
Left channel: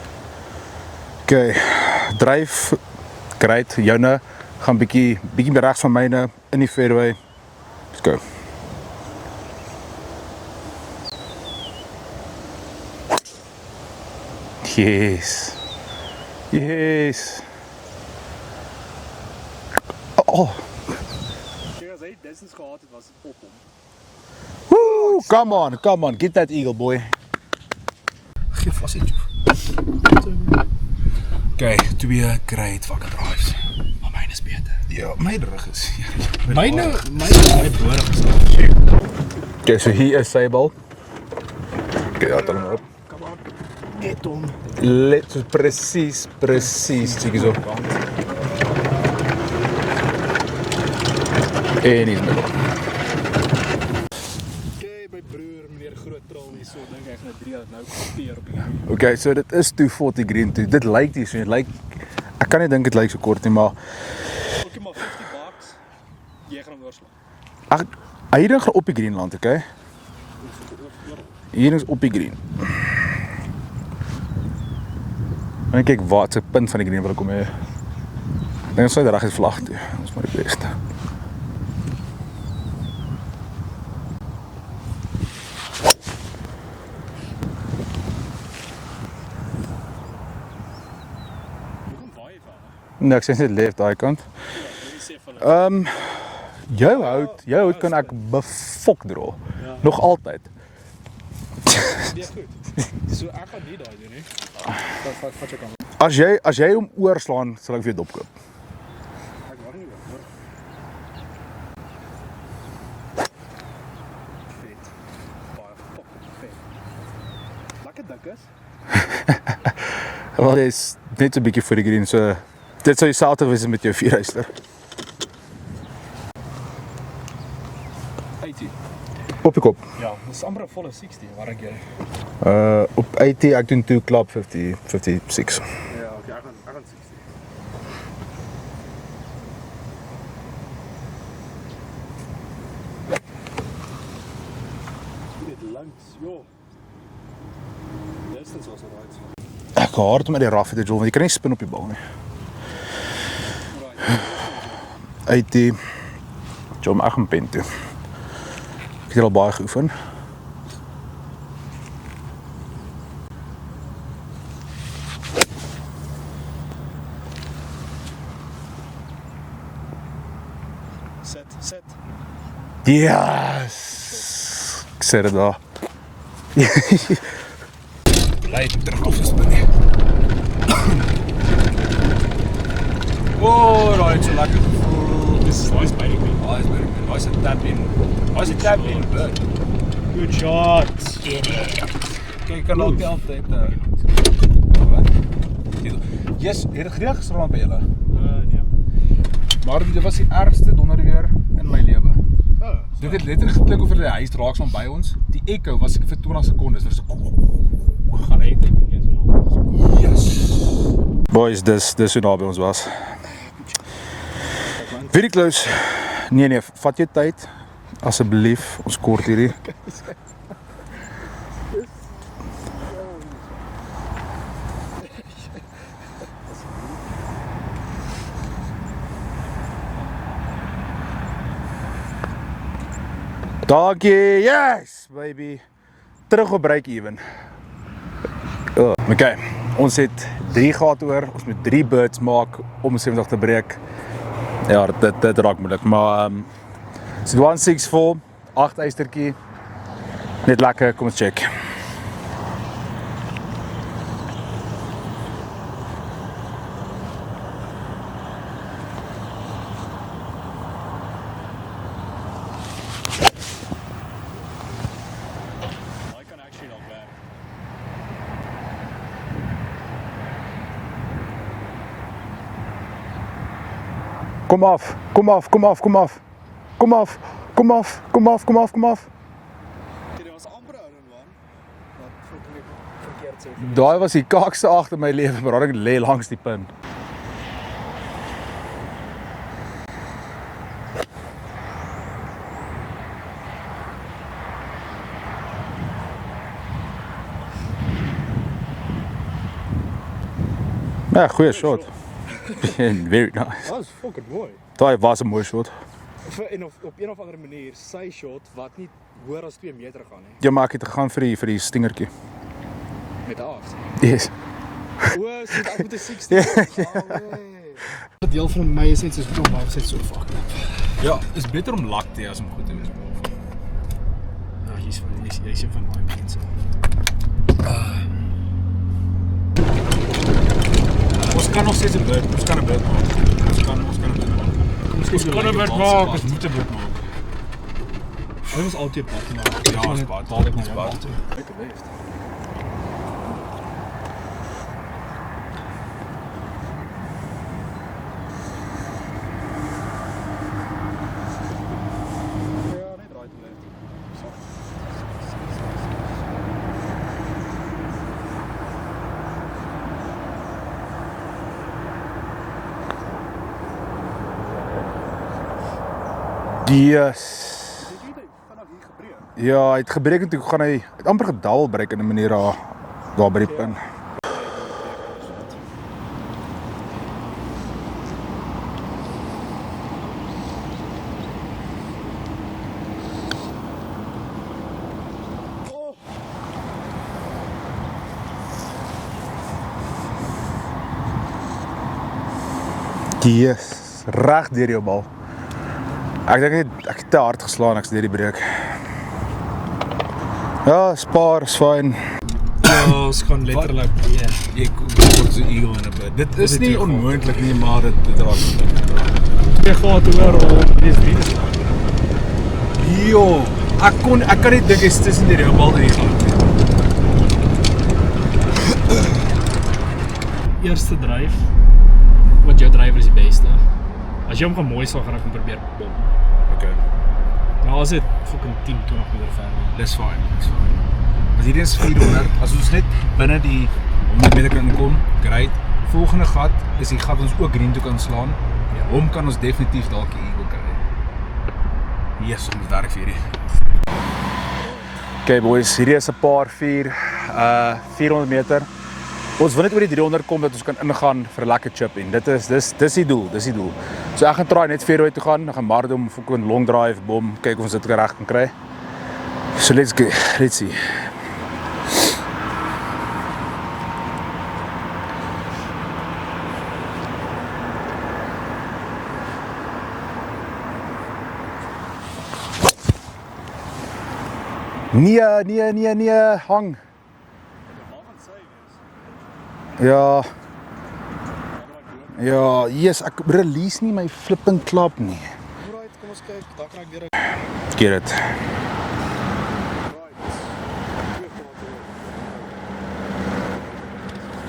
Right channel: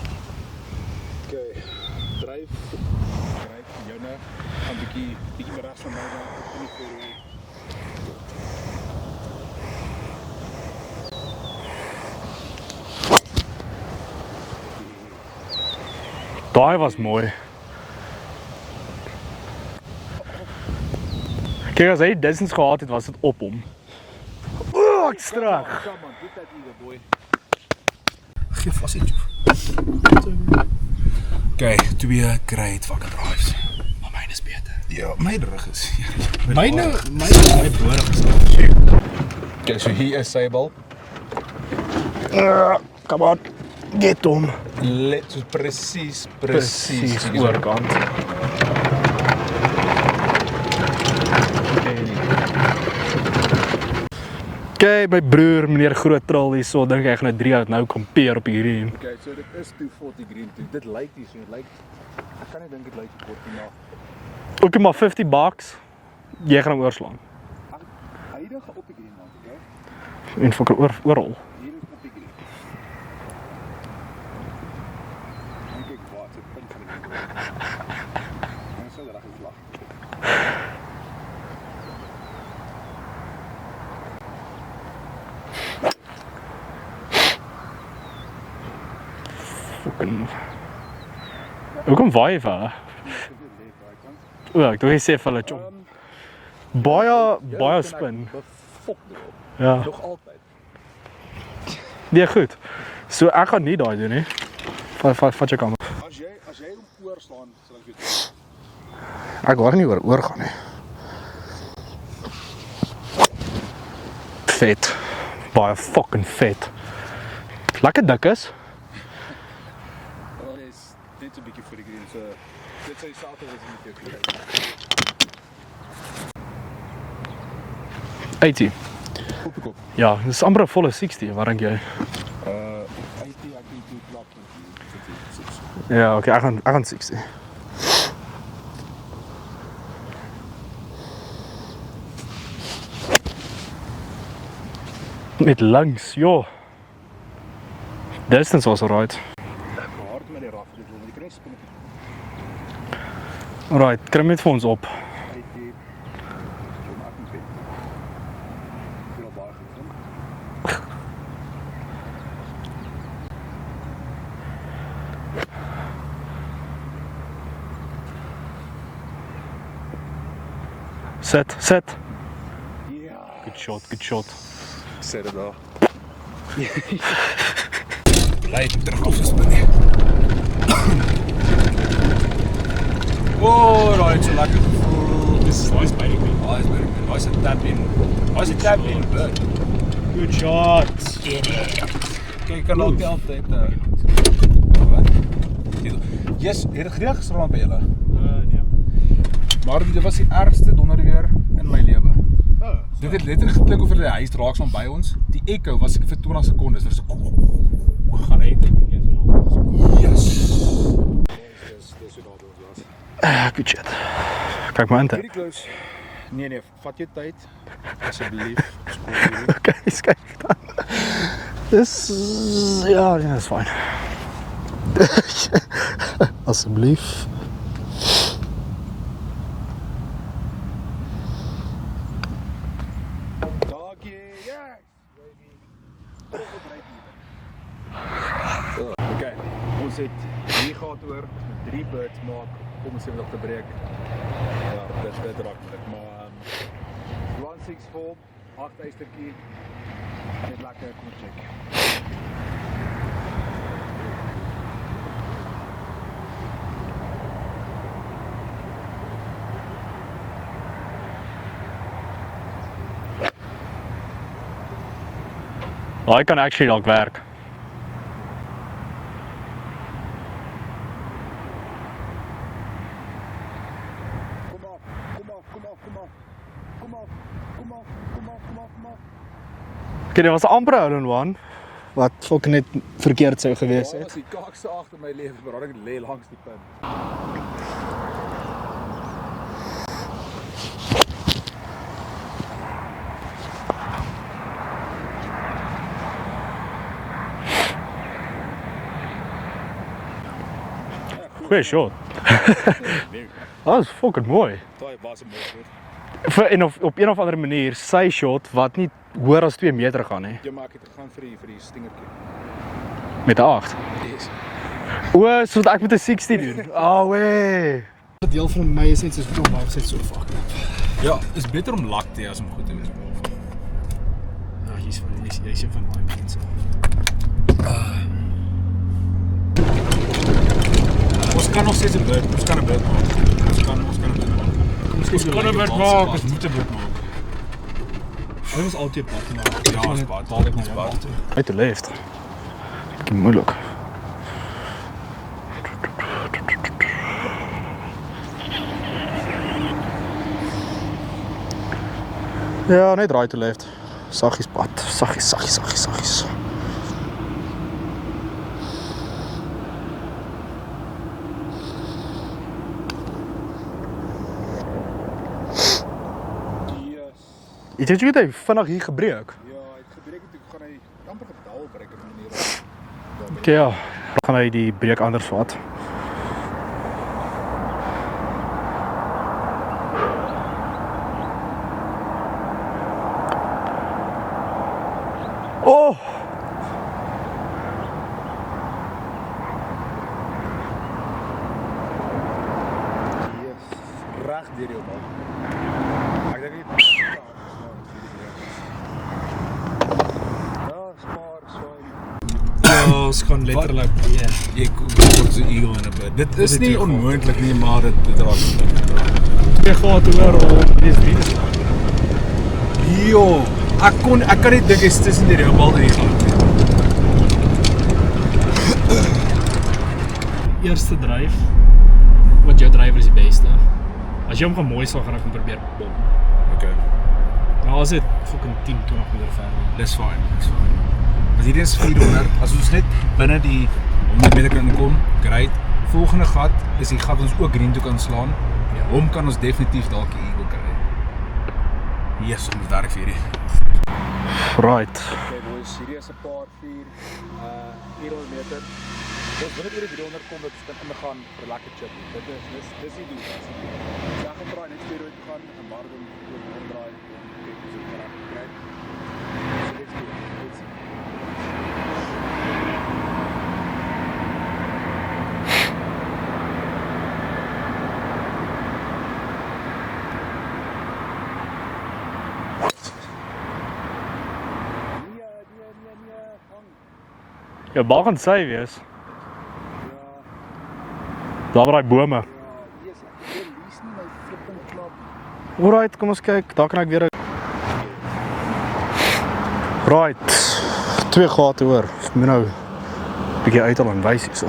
Okay, dryf great. Joune gaan bietjie meer regs van myne in die fairway. Let's go. Yes. Daai was mooi. Oh, Kijk, as hy distance gehad het, was dit op hom. come on, get that eagle boy. Geef vas iets. Okay, 2 great fucking drives. Maar myne is beter. Ja, my rug is. Myne is my borig. Okay, so hier is sy bal. Come on, get hom. Let so presies, cheekie so. kant. En hier. Okay, my broer, meneer Groot Trol hier so, dink ek gaan 'n 3 hout nou kompeer op die green. Okay, so dit is 240 green toe. Dit lyk nie so, dit lyk ek kan nie dink dit lyk so kort nie, maar Okay, maar $50. Jy gaan hom oorslaan. ag hy ding gaan op die green land, okay? En fucking oral. Hier is op die green. En kyk wat se punt van die green wil kom hê. En ons sal reg uit vlag toe. Dis maar die beste. Hoekom waai jy vir? Nee, ek sê net left daai kant. O, ek dink jy sê vir hulle. Jou kan ek spin. befok draw. Ja. Nog altyd. Nee, goed. So ek gaan nie daai doen nie. Vat jou kant. As jy hom oorslaan, sal ek weer dop. Ek wou nie oor gaan nie. Vet. Baie fucking vet. Lekker dik is. Wel, dit is net so 'n bietjie voor die green, so dit sou dieselfde wees met jou 4-huister. 80. Op die kop. Ja, dis amper 'n volle 60, wat dink jy? Op 80, ek doen 2 club 56. Ja, okay, ek gaan 60. Met langs, joh. Distance was alright. Ek hard met die rough te jol, want jy kan nie spin op die bal nie. Alright, krim dit vir ons op. 80. Jom ek gaan pen toe. Ek het al baie geoefen. Set. Ja. Good shot. Ek sê dit daar. Bly terug op gespin nie. Oh, daai het so lekker gevoel. Dis baie spytig. Baie spytig. Daai se tap in. Daai se tap in. Good shot. Kyk, kan ook die altyd. Wat? Yes, het gereeld gestrand by julle. Nee. Maar dit was die ergste donderweer in my lewe. Oh, Dit het letterlik geklink of die huis raaks van by ons. Die echo was ek vir 20 sekondes. Dit was so gaan hy dink nie so lank. yes. Boys, dis hoe naby ons was. Good shot. Kyk maar aan. Very close. Nee, vat jou tyd. Asseblief, ons kort hierdie. Kyk dan. Dis ja, dis fyn. Asseblief. Dankie. Yes, baby. Terug op break even. Okay, ons het 3 gehad oor. Ons moet 3 birds maak om 70 te breek. Ja, dit raak moeilik, maar ons het 164, 8 eystertjie. Net lekker, kom ons check. Daai kan actually dalk werk. Kom af, kom af, kom af, kom af. Kom af, kom af, kom af, kom af, kom af. Okay, dit was amper hole one. Wat fucking net verkeerd sou gewees Daai het. was die kakste agter my lewe, maar ek lê langs die punt. Ja, goeie Goeie shot. shot. Very nice. Dat was fucking mooi. Daai was 'n mooi shot. En op een of ander manier, sy shot wat nie hoër as 2 meter gaan nie. Ja, maar ek het gegaan vir die stingertjie. Met 'n 8. Yes. O, so ek met 'n 16. Oh, wee. Die deel van my is net soos hom, maar sit so fucked up. Ja, is beter om lak te hê as om goed te wees. Ja, hier's een van daai mense. Ons kan nog steeds 'n beurt, ons kan 'n beurt maak. Ons kan 'n beurt maak. Ons kan 'n beurt maak, ons moet 'n beurt maak. Hy was altyd pad, maar Ja, ons pad, ons pad. Uit de left. Moeilijk. Ja, net right to left. Saggies pad. Saggies. Yes. Jy het jy vinnig hier gebreek. Ja, hy het gebreek en toe gaan hy het amper gedal breek in 'n manier daar by die Ja. punt. Dan gaan hy die breek anders vat. Oh. Yes. Reg deur jou bal. Ek dink ek het te hard geslaan ek's deur die breek. Ja, spaar, is fyn. ja, ons gaan letterlik Ek word so eagle in 'n bit. Dit is nie onmoontlik nie, maar dit raak. twee gate hoor om dis 3 te slaan. Jo, ek kan nie dink is tussen die bal en die gat nie. Eerste dryf, wat jou drywer is die beste. As jy hom gaan mooi sal, gaan ek hom probeer bom. Okay. Nou as dit fucking 10, 20 meter ver. Dis fyn. As hierdie is 400, as ons net binne die 100 meter kan kom, great. Volgende gat is die gat wat ons ook green toe kan slaan. Ja, hom kan ons definitief dalk die eagle kry. Yes, ons werk vir hierdie. Right. Okay boys, hierdie is 'n paar 400 meter. Ons wil net oor die 300 kom dat ons kan ingaan vir 'n lekker chip en dis die doel, So ek gaan try net fairway toe gaan, dan gaan Mardom vir 'n long drive, bom, kyk of ons dit reg kan kry. So let's see. Nee, hang. Jou bal gaan sy wees. Ja, Daar by daai bome. ja, yes, ek release nie my flipping klap nie. Alright, kom ons kyk. Daar kan ek weer Get it. Right. 2 gate hoor. Ek moet nou 'n bietjie uithaal en wys hierso.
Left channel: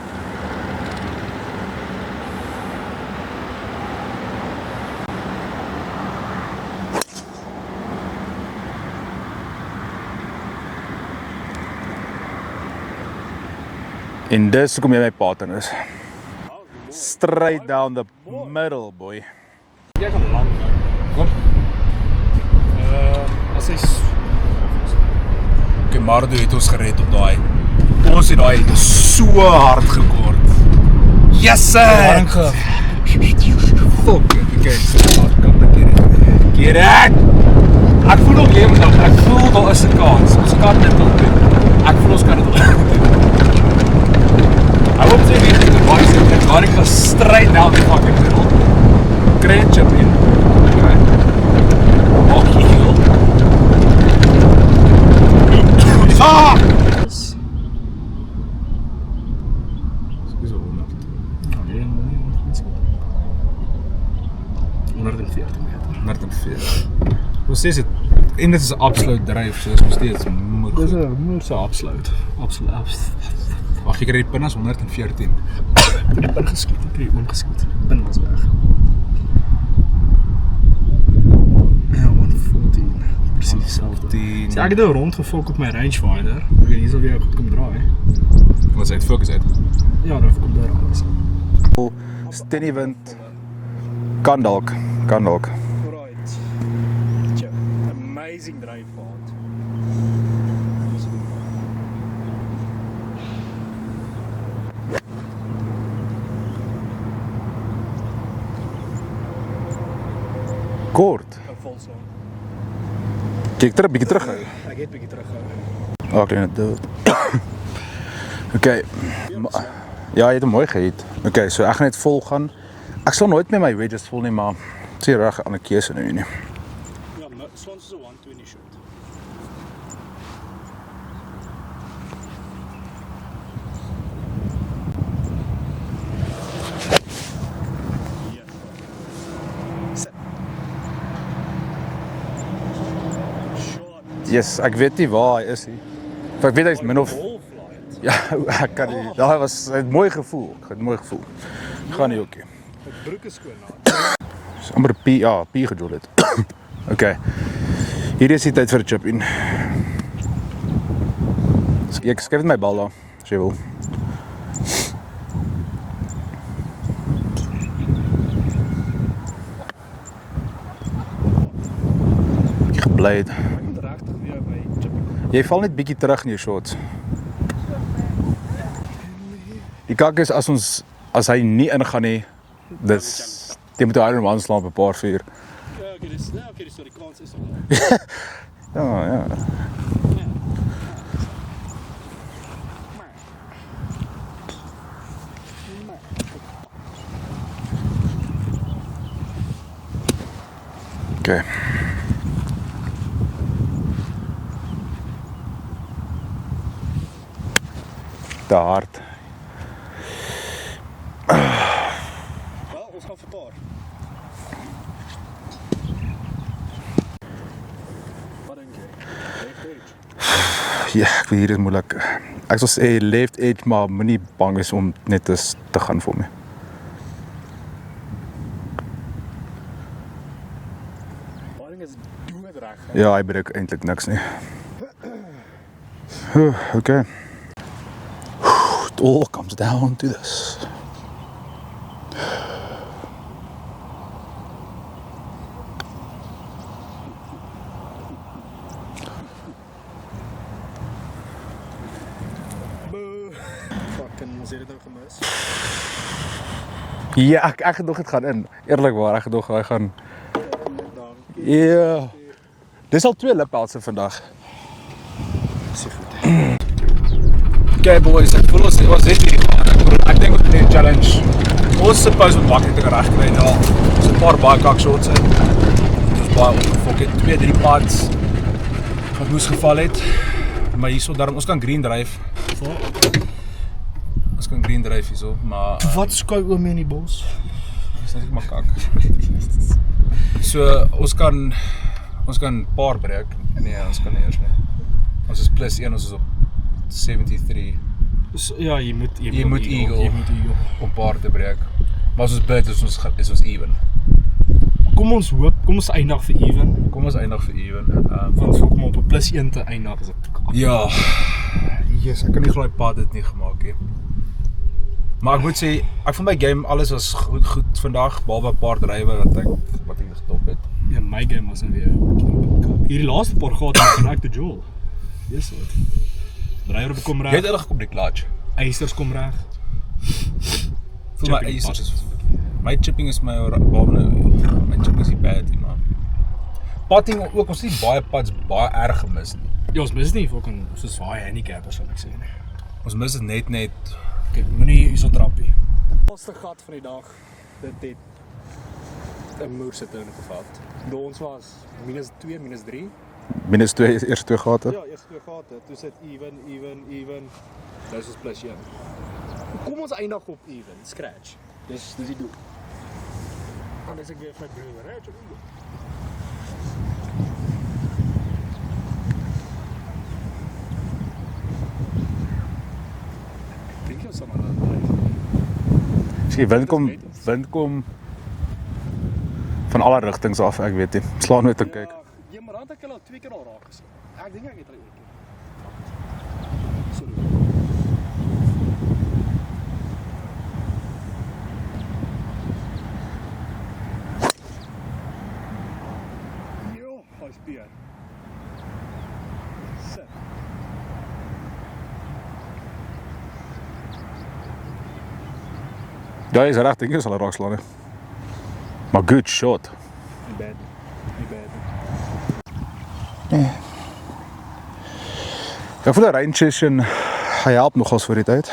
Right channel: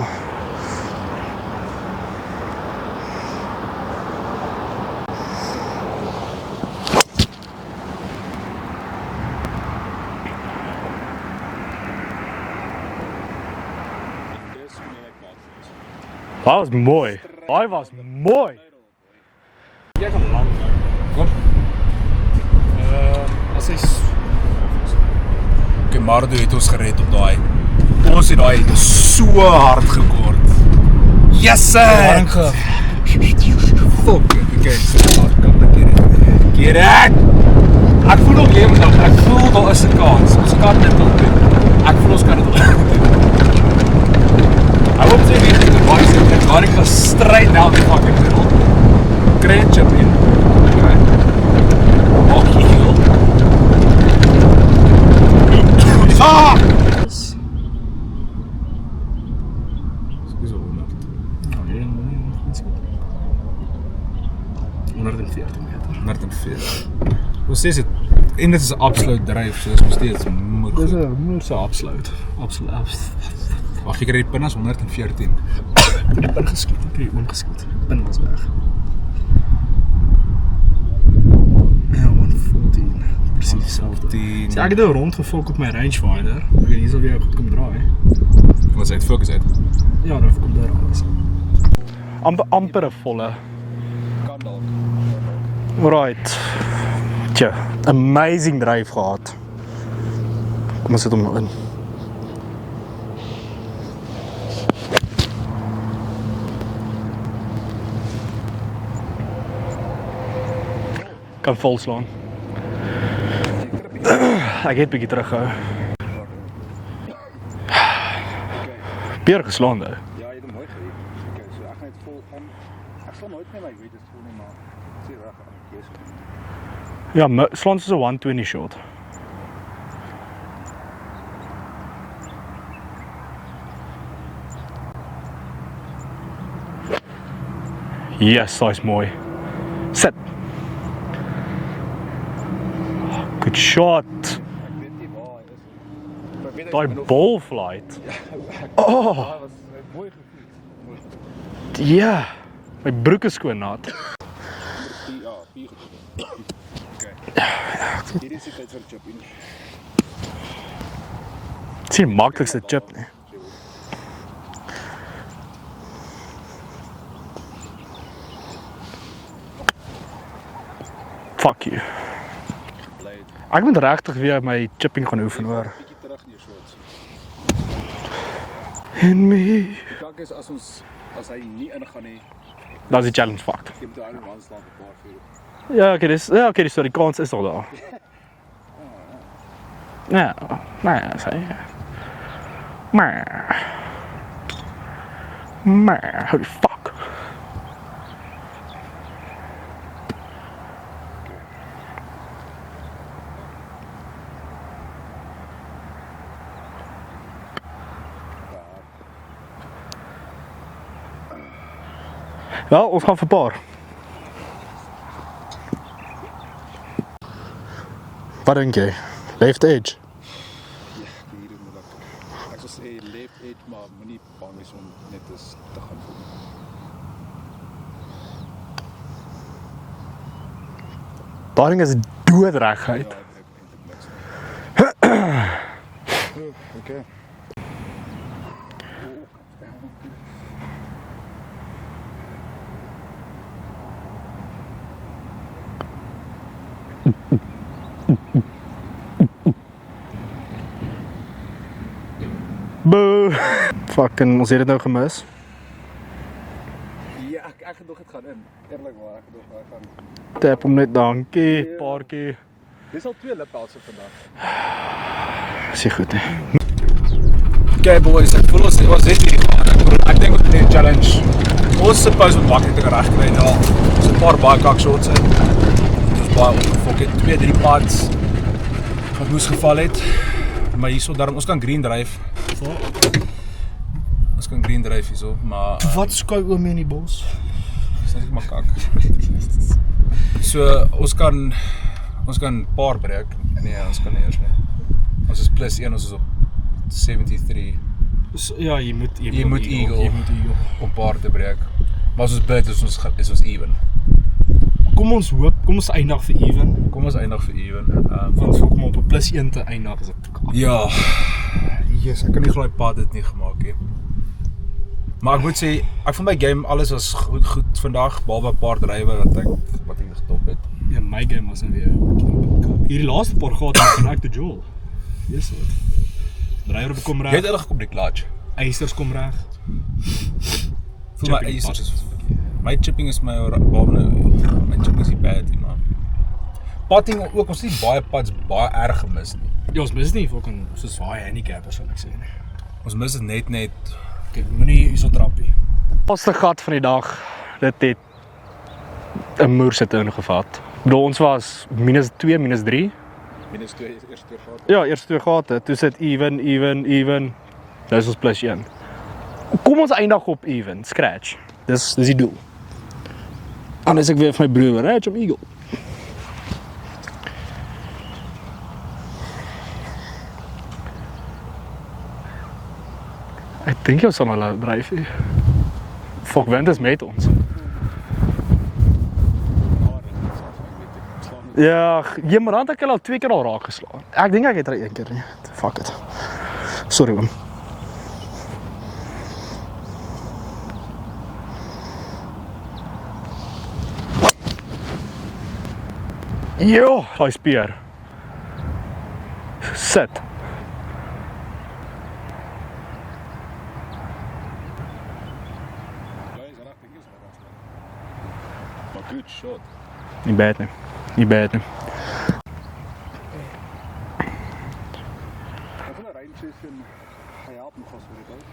En dis hoekom jy my pattern is. Dat was mooi. Straight Daai down was the mooi. middle, boy. Jy kan land. Kom. As hy Okay, Mardo het ons gered op daai. Ons het daai so hard gekort. Yes sir. Fuck it. Okay, so hard kan ek hier. Get it. Ek voel nog lewendig. Ek voel daar is 'n kans. Ons kan dit nog doen. Ek voel ons kan dit nog doen. I hope they make it to boys and Mark goes straight down the fucking middle. Great chip in. Okay. Oh, heel. Ah! is. Dis al 100. Nee, iets goed. 140 meter. 140. Ons sê dit en dit is 'n absolute dryf, so is nog steeds moeg. Dis 'n moeilike absoluut. Wag, jy kry die pinnas 114. Ek het die pin geskiet, ek het die oom geskiet. Die pin was weg. Ja, 114. Presies dieselfde. Sê, ek het nou rondgefok op my rangefinder. Ek het hierso weer goed kom draai. Wat sê dit fokus uit? Ja, nou kom daar alles. Amper 'n volle. Kan dalk. Right. Tja, amazing drive gehad. Kom ons sit hom nou in. Kort. Kan volslaan. Kyk terug, bietjie terug. Ek het bietjie teruggehou. Ek het dit. Okay. Pierre geslaan nou. Ja, jy het hom mooi gehit. Okay, so ek gaan net vol gaan. Ek sal nooit met my wedges vol nie, maar sê reg 'n ander keuse nou nie. Ja, slaan soos 'n 120 shot. Yes, hy's mooi. Sit. Good shot. Yes, ek weet nie waar hy is nie. Ek weet hy's min of ball flight. ja, ek daai was 'n mooi gevoel. Ja. My broek is skoon nat. Amper P gedoen het. Okay. Hier is die tyd vir 'n chip in. Sien Ek maak skryf dit my se bal chip. daar, as jy wil. Fuck you. Gebleid. Ek moet regtig weer my chipping gaan oefen. Jy val net bietjie terug in jou shots. in me. Die kak is as hy nie ingaan nie, Dat is die challenge fucked. Jy moet die Iron Man slaan op 'n paar vuur. Ja, okay, die storie kans is al daar. Ja. Ja, sê. Maar, holy fuck. Okay. Te hard. Wel, ons gaan vir paar. Wat dink jy? Left edge. Ja, ek weet hier is moeilik. Ek sal sê left edge, maar moenie bang wees om net te gaan vir my. Daai ding is doodreg. Ja, hy breek eintlik niks nie. Okay. It all comes down to this. Boo. Fucking, ons het dit nou gemis. Ja, ek het nog dit gaan in. Eerlikwaar, ek het nog hy gaan. Tap hom net, dankie. Ja. Dankie. Dis al 2 lippelse vandag. Sê goed. Okay boys, ek voel ons was net hier. Ek dink ons het 'n challenge. Ons suppose moet maklik reg kry nou. Ons 'n paar baie kak shots in. Ons baie opgefok het 2-3 pads wat moes geval het. Maar hierso daarom ons kan green dryf. Ons kan green dryf hierso, maar Wat skou oom in die bos? dis net maar kak. So ons kan paar breek. Nee, ons kan nie eers nie. Ons is +1, ons is op 73 So, ja, jy moet moet eagle. Jy moet eagle. om paar te breek. Maar as ons bid is ons even. Kom ons hoop, kom ons eindig vir even. Kom ons eindig vir even. Want vir kom op 'n +1 te eindig is dit. Ja. Jesus, ek kan nie glo die pad dit nie gemaak nie. Maar ek moet sê, ek vond my game alles was goed vandag, behalwe 'n paar drywe wat ek getop het. Ja, my game was nou weer. Hierdie laaste paar gate van ek te Joel. Yes, wat. Drywer kom Jy reg. het eintlik op die clutch. Eisters kom reg. Vir my eisers is my chipping is my behalwe nou. My chipping is nie bad nie, man. Putting ook, ons het nie baie pads baie erg gemis nie. Ja, ons mis nie fucking soos baie handicappers sal ek sê nie. Ons mis dit net. Kyk, moenie hierso trappie. Laaste gat van die dag, dit het 'n moersit ingevat. Ek bedoel, ons was -2, -3. -2 eerste 2 gate. Ja, eerste 2 gate, toe sit even. Nou is ons +1. Kom ons eindig op even, scratch. Dis die doel. Anders ek weer vir my broer, right, op eagle. Ek dink jy sal nou laat dryf hier. Die wind is met ons. Wind kom van alle rigtings af, ek weet nie. Slaan nooit. Ja, jy maar dan het ek al 2 keer al raak geslaan. Ek dink ek het er 1 keer nie. Fuck it. Sorry man. Jo, daai speer. Sit. Daai is reg, dink jy sal raak slaan nie. Maar good shot. Nie bad nie. Nie bad nie. Ek voel 'n range session, hy help nogals vir die tyd.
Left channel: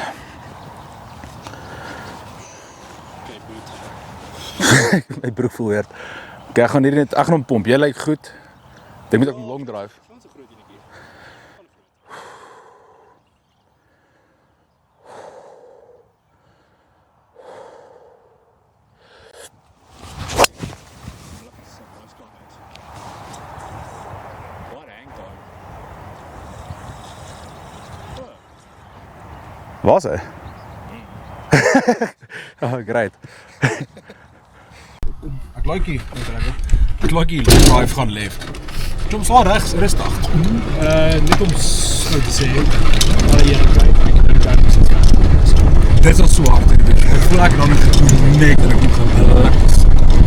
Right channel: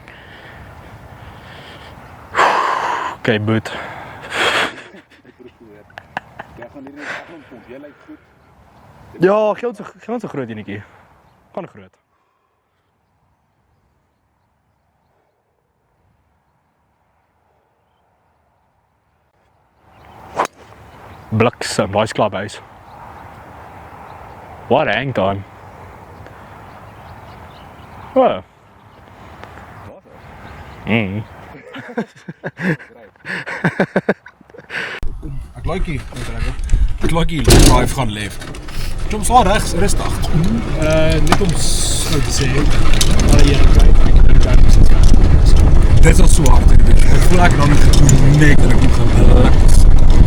Okay, boet. My broek voel weer. Ek gaan hier net, ek gaan hom pomp. Jy lyk goed. Dink jy Ja, hom geld draai? geld so groot enetjie. Kan groot. Bliksem, daai klubhuis. Wat hang dan? Oh. Waar's hy? Oh, great. Ek like hier, ek like hier, drive gaan left. Kom swaar regs, rustig. Net om so te sê, maar jy kry. Dit is al so hard in die week. Ek voel ek dan net dat ek moet gaan relax.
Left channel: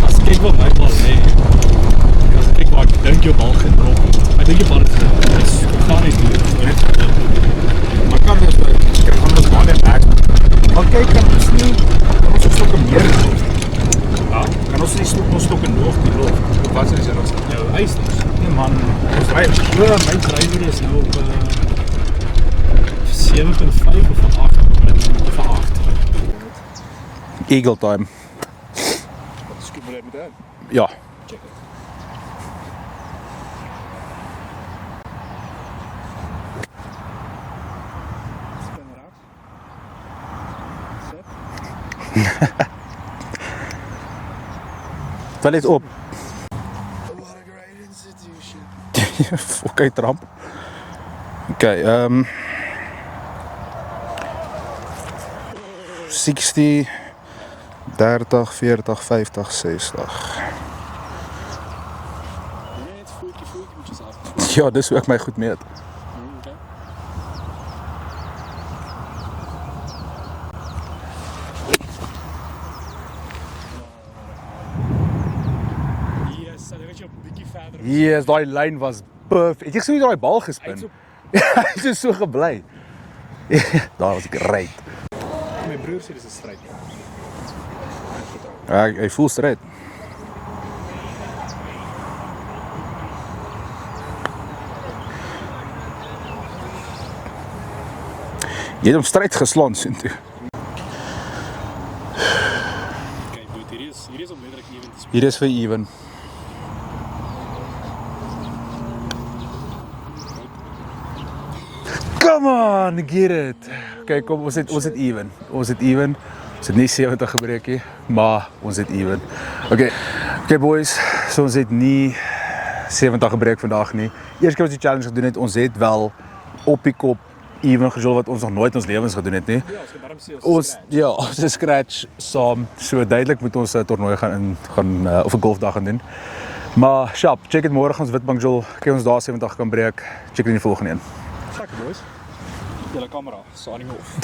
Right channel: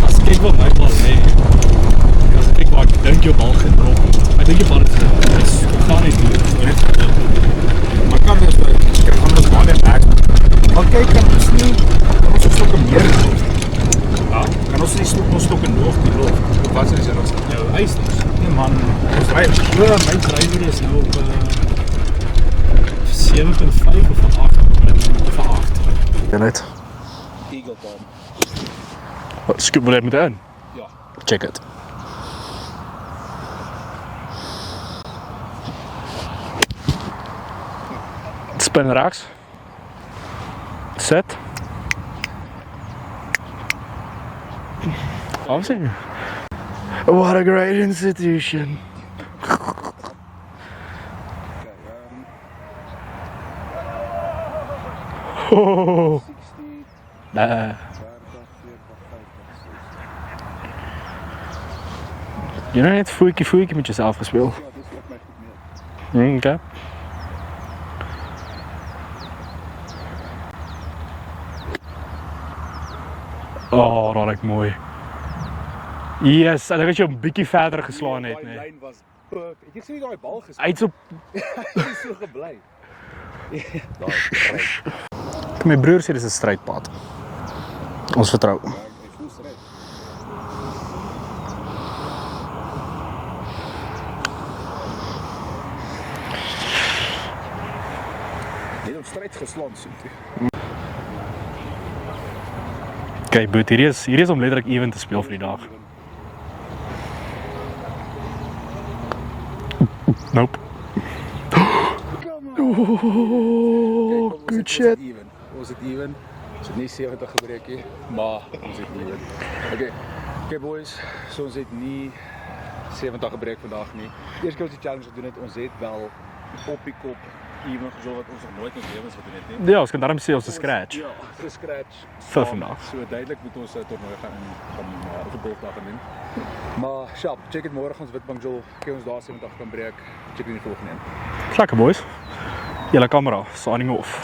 As kyk wat my bal lê. As ek waar ek dink jou bal gedrop. Ek dink jy bal het gaan nie doen. Maar kan dus by ek gaan ons baie back. Maar kyk, kan ons nie ons stokke meer gedoen. Ja, kan ons nie ons stokke nog die loop. Wat is dit ons? Jou eisters. Nee man, ons ry My drywer is nou op 7.5 of van 8 of van 8. Ja net. Eagle time. Wat skoop wil jy met in? Ja, check it. Spin rechts. Sit. Tel dit op. What a great institution. Okay, tramp. Okay, 60, 30, 40, 50, 60. Jy nou net voetjie met jouself gespeel. Ja, dis hoe ek my goed meet. Okay. Oh, dat ek mooi. Yes, ek het jou 'n bietjie verder geslaan. Yes, daai lyn was perfect. Het jy gesien hoe daai bal gespin? Uit so Hy is so gebly. Daar was great. my broer sê dis 'n strydpad. Ons vertrou. Hy voel stryd. Jy het hom stryd geslaan soontoe. Okay, boet, hier is om letterlik even te speel. Hier is vir even. Nope. Come on, get it. Kyk, kom, ons het even. Ons het even. Ons het nie 70 gebreek nie, maar ons het even. Okay boys, so ons het nie 70 gebreek vandag nie. Eerste keer ons die challenge gedoen het, ons het wel op die kop even gejol wat ons nog nooit in ons lewens gedoen het nie. Ja, ons kan daarom sê ons is scratch. Ja, ons is scratch saam. So duidelik moet ons 'n toernooi gaan of 'n golfdag gaan doen. Maar sharp, check dit môre gaan ons Witbank jol. Kyk ons daar 70 kan breek. Check dit in die volgende een. Lekker boys. Julle kamera, signing off.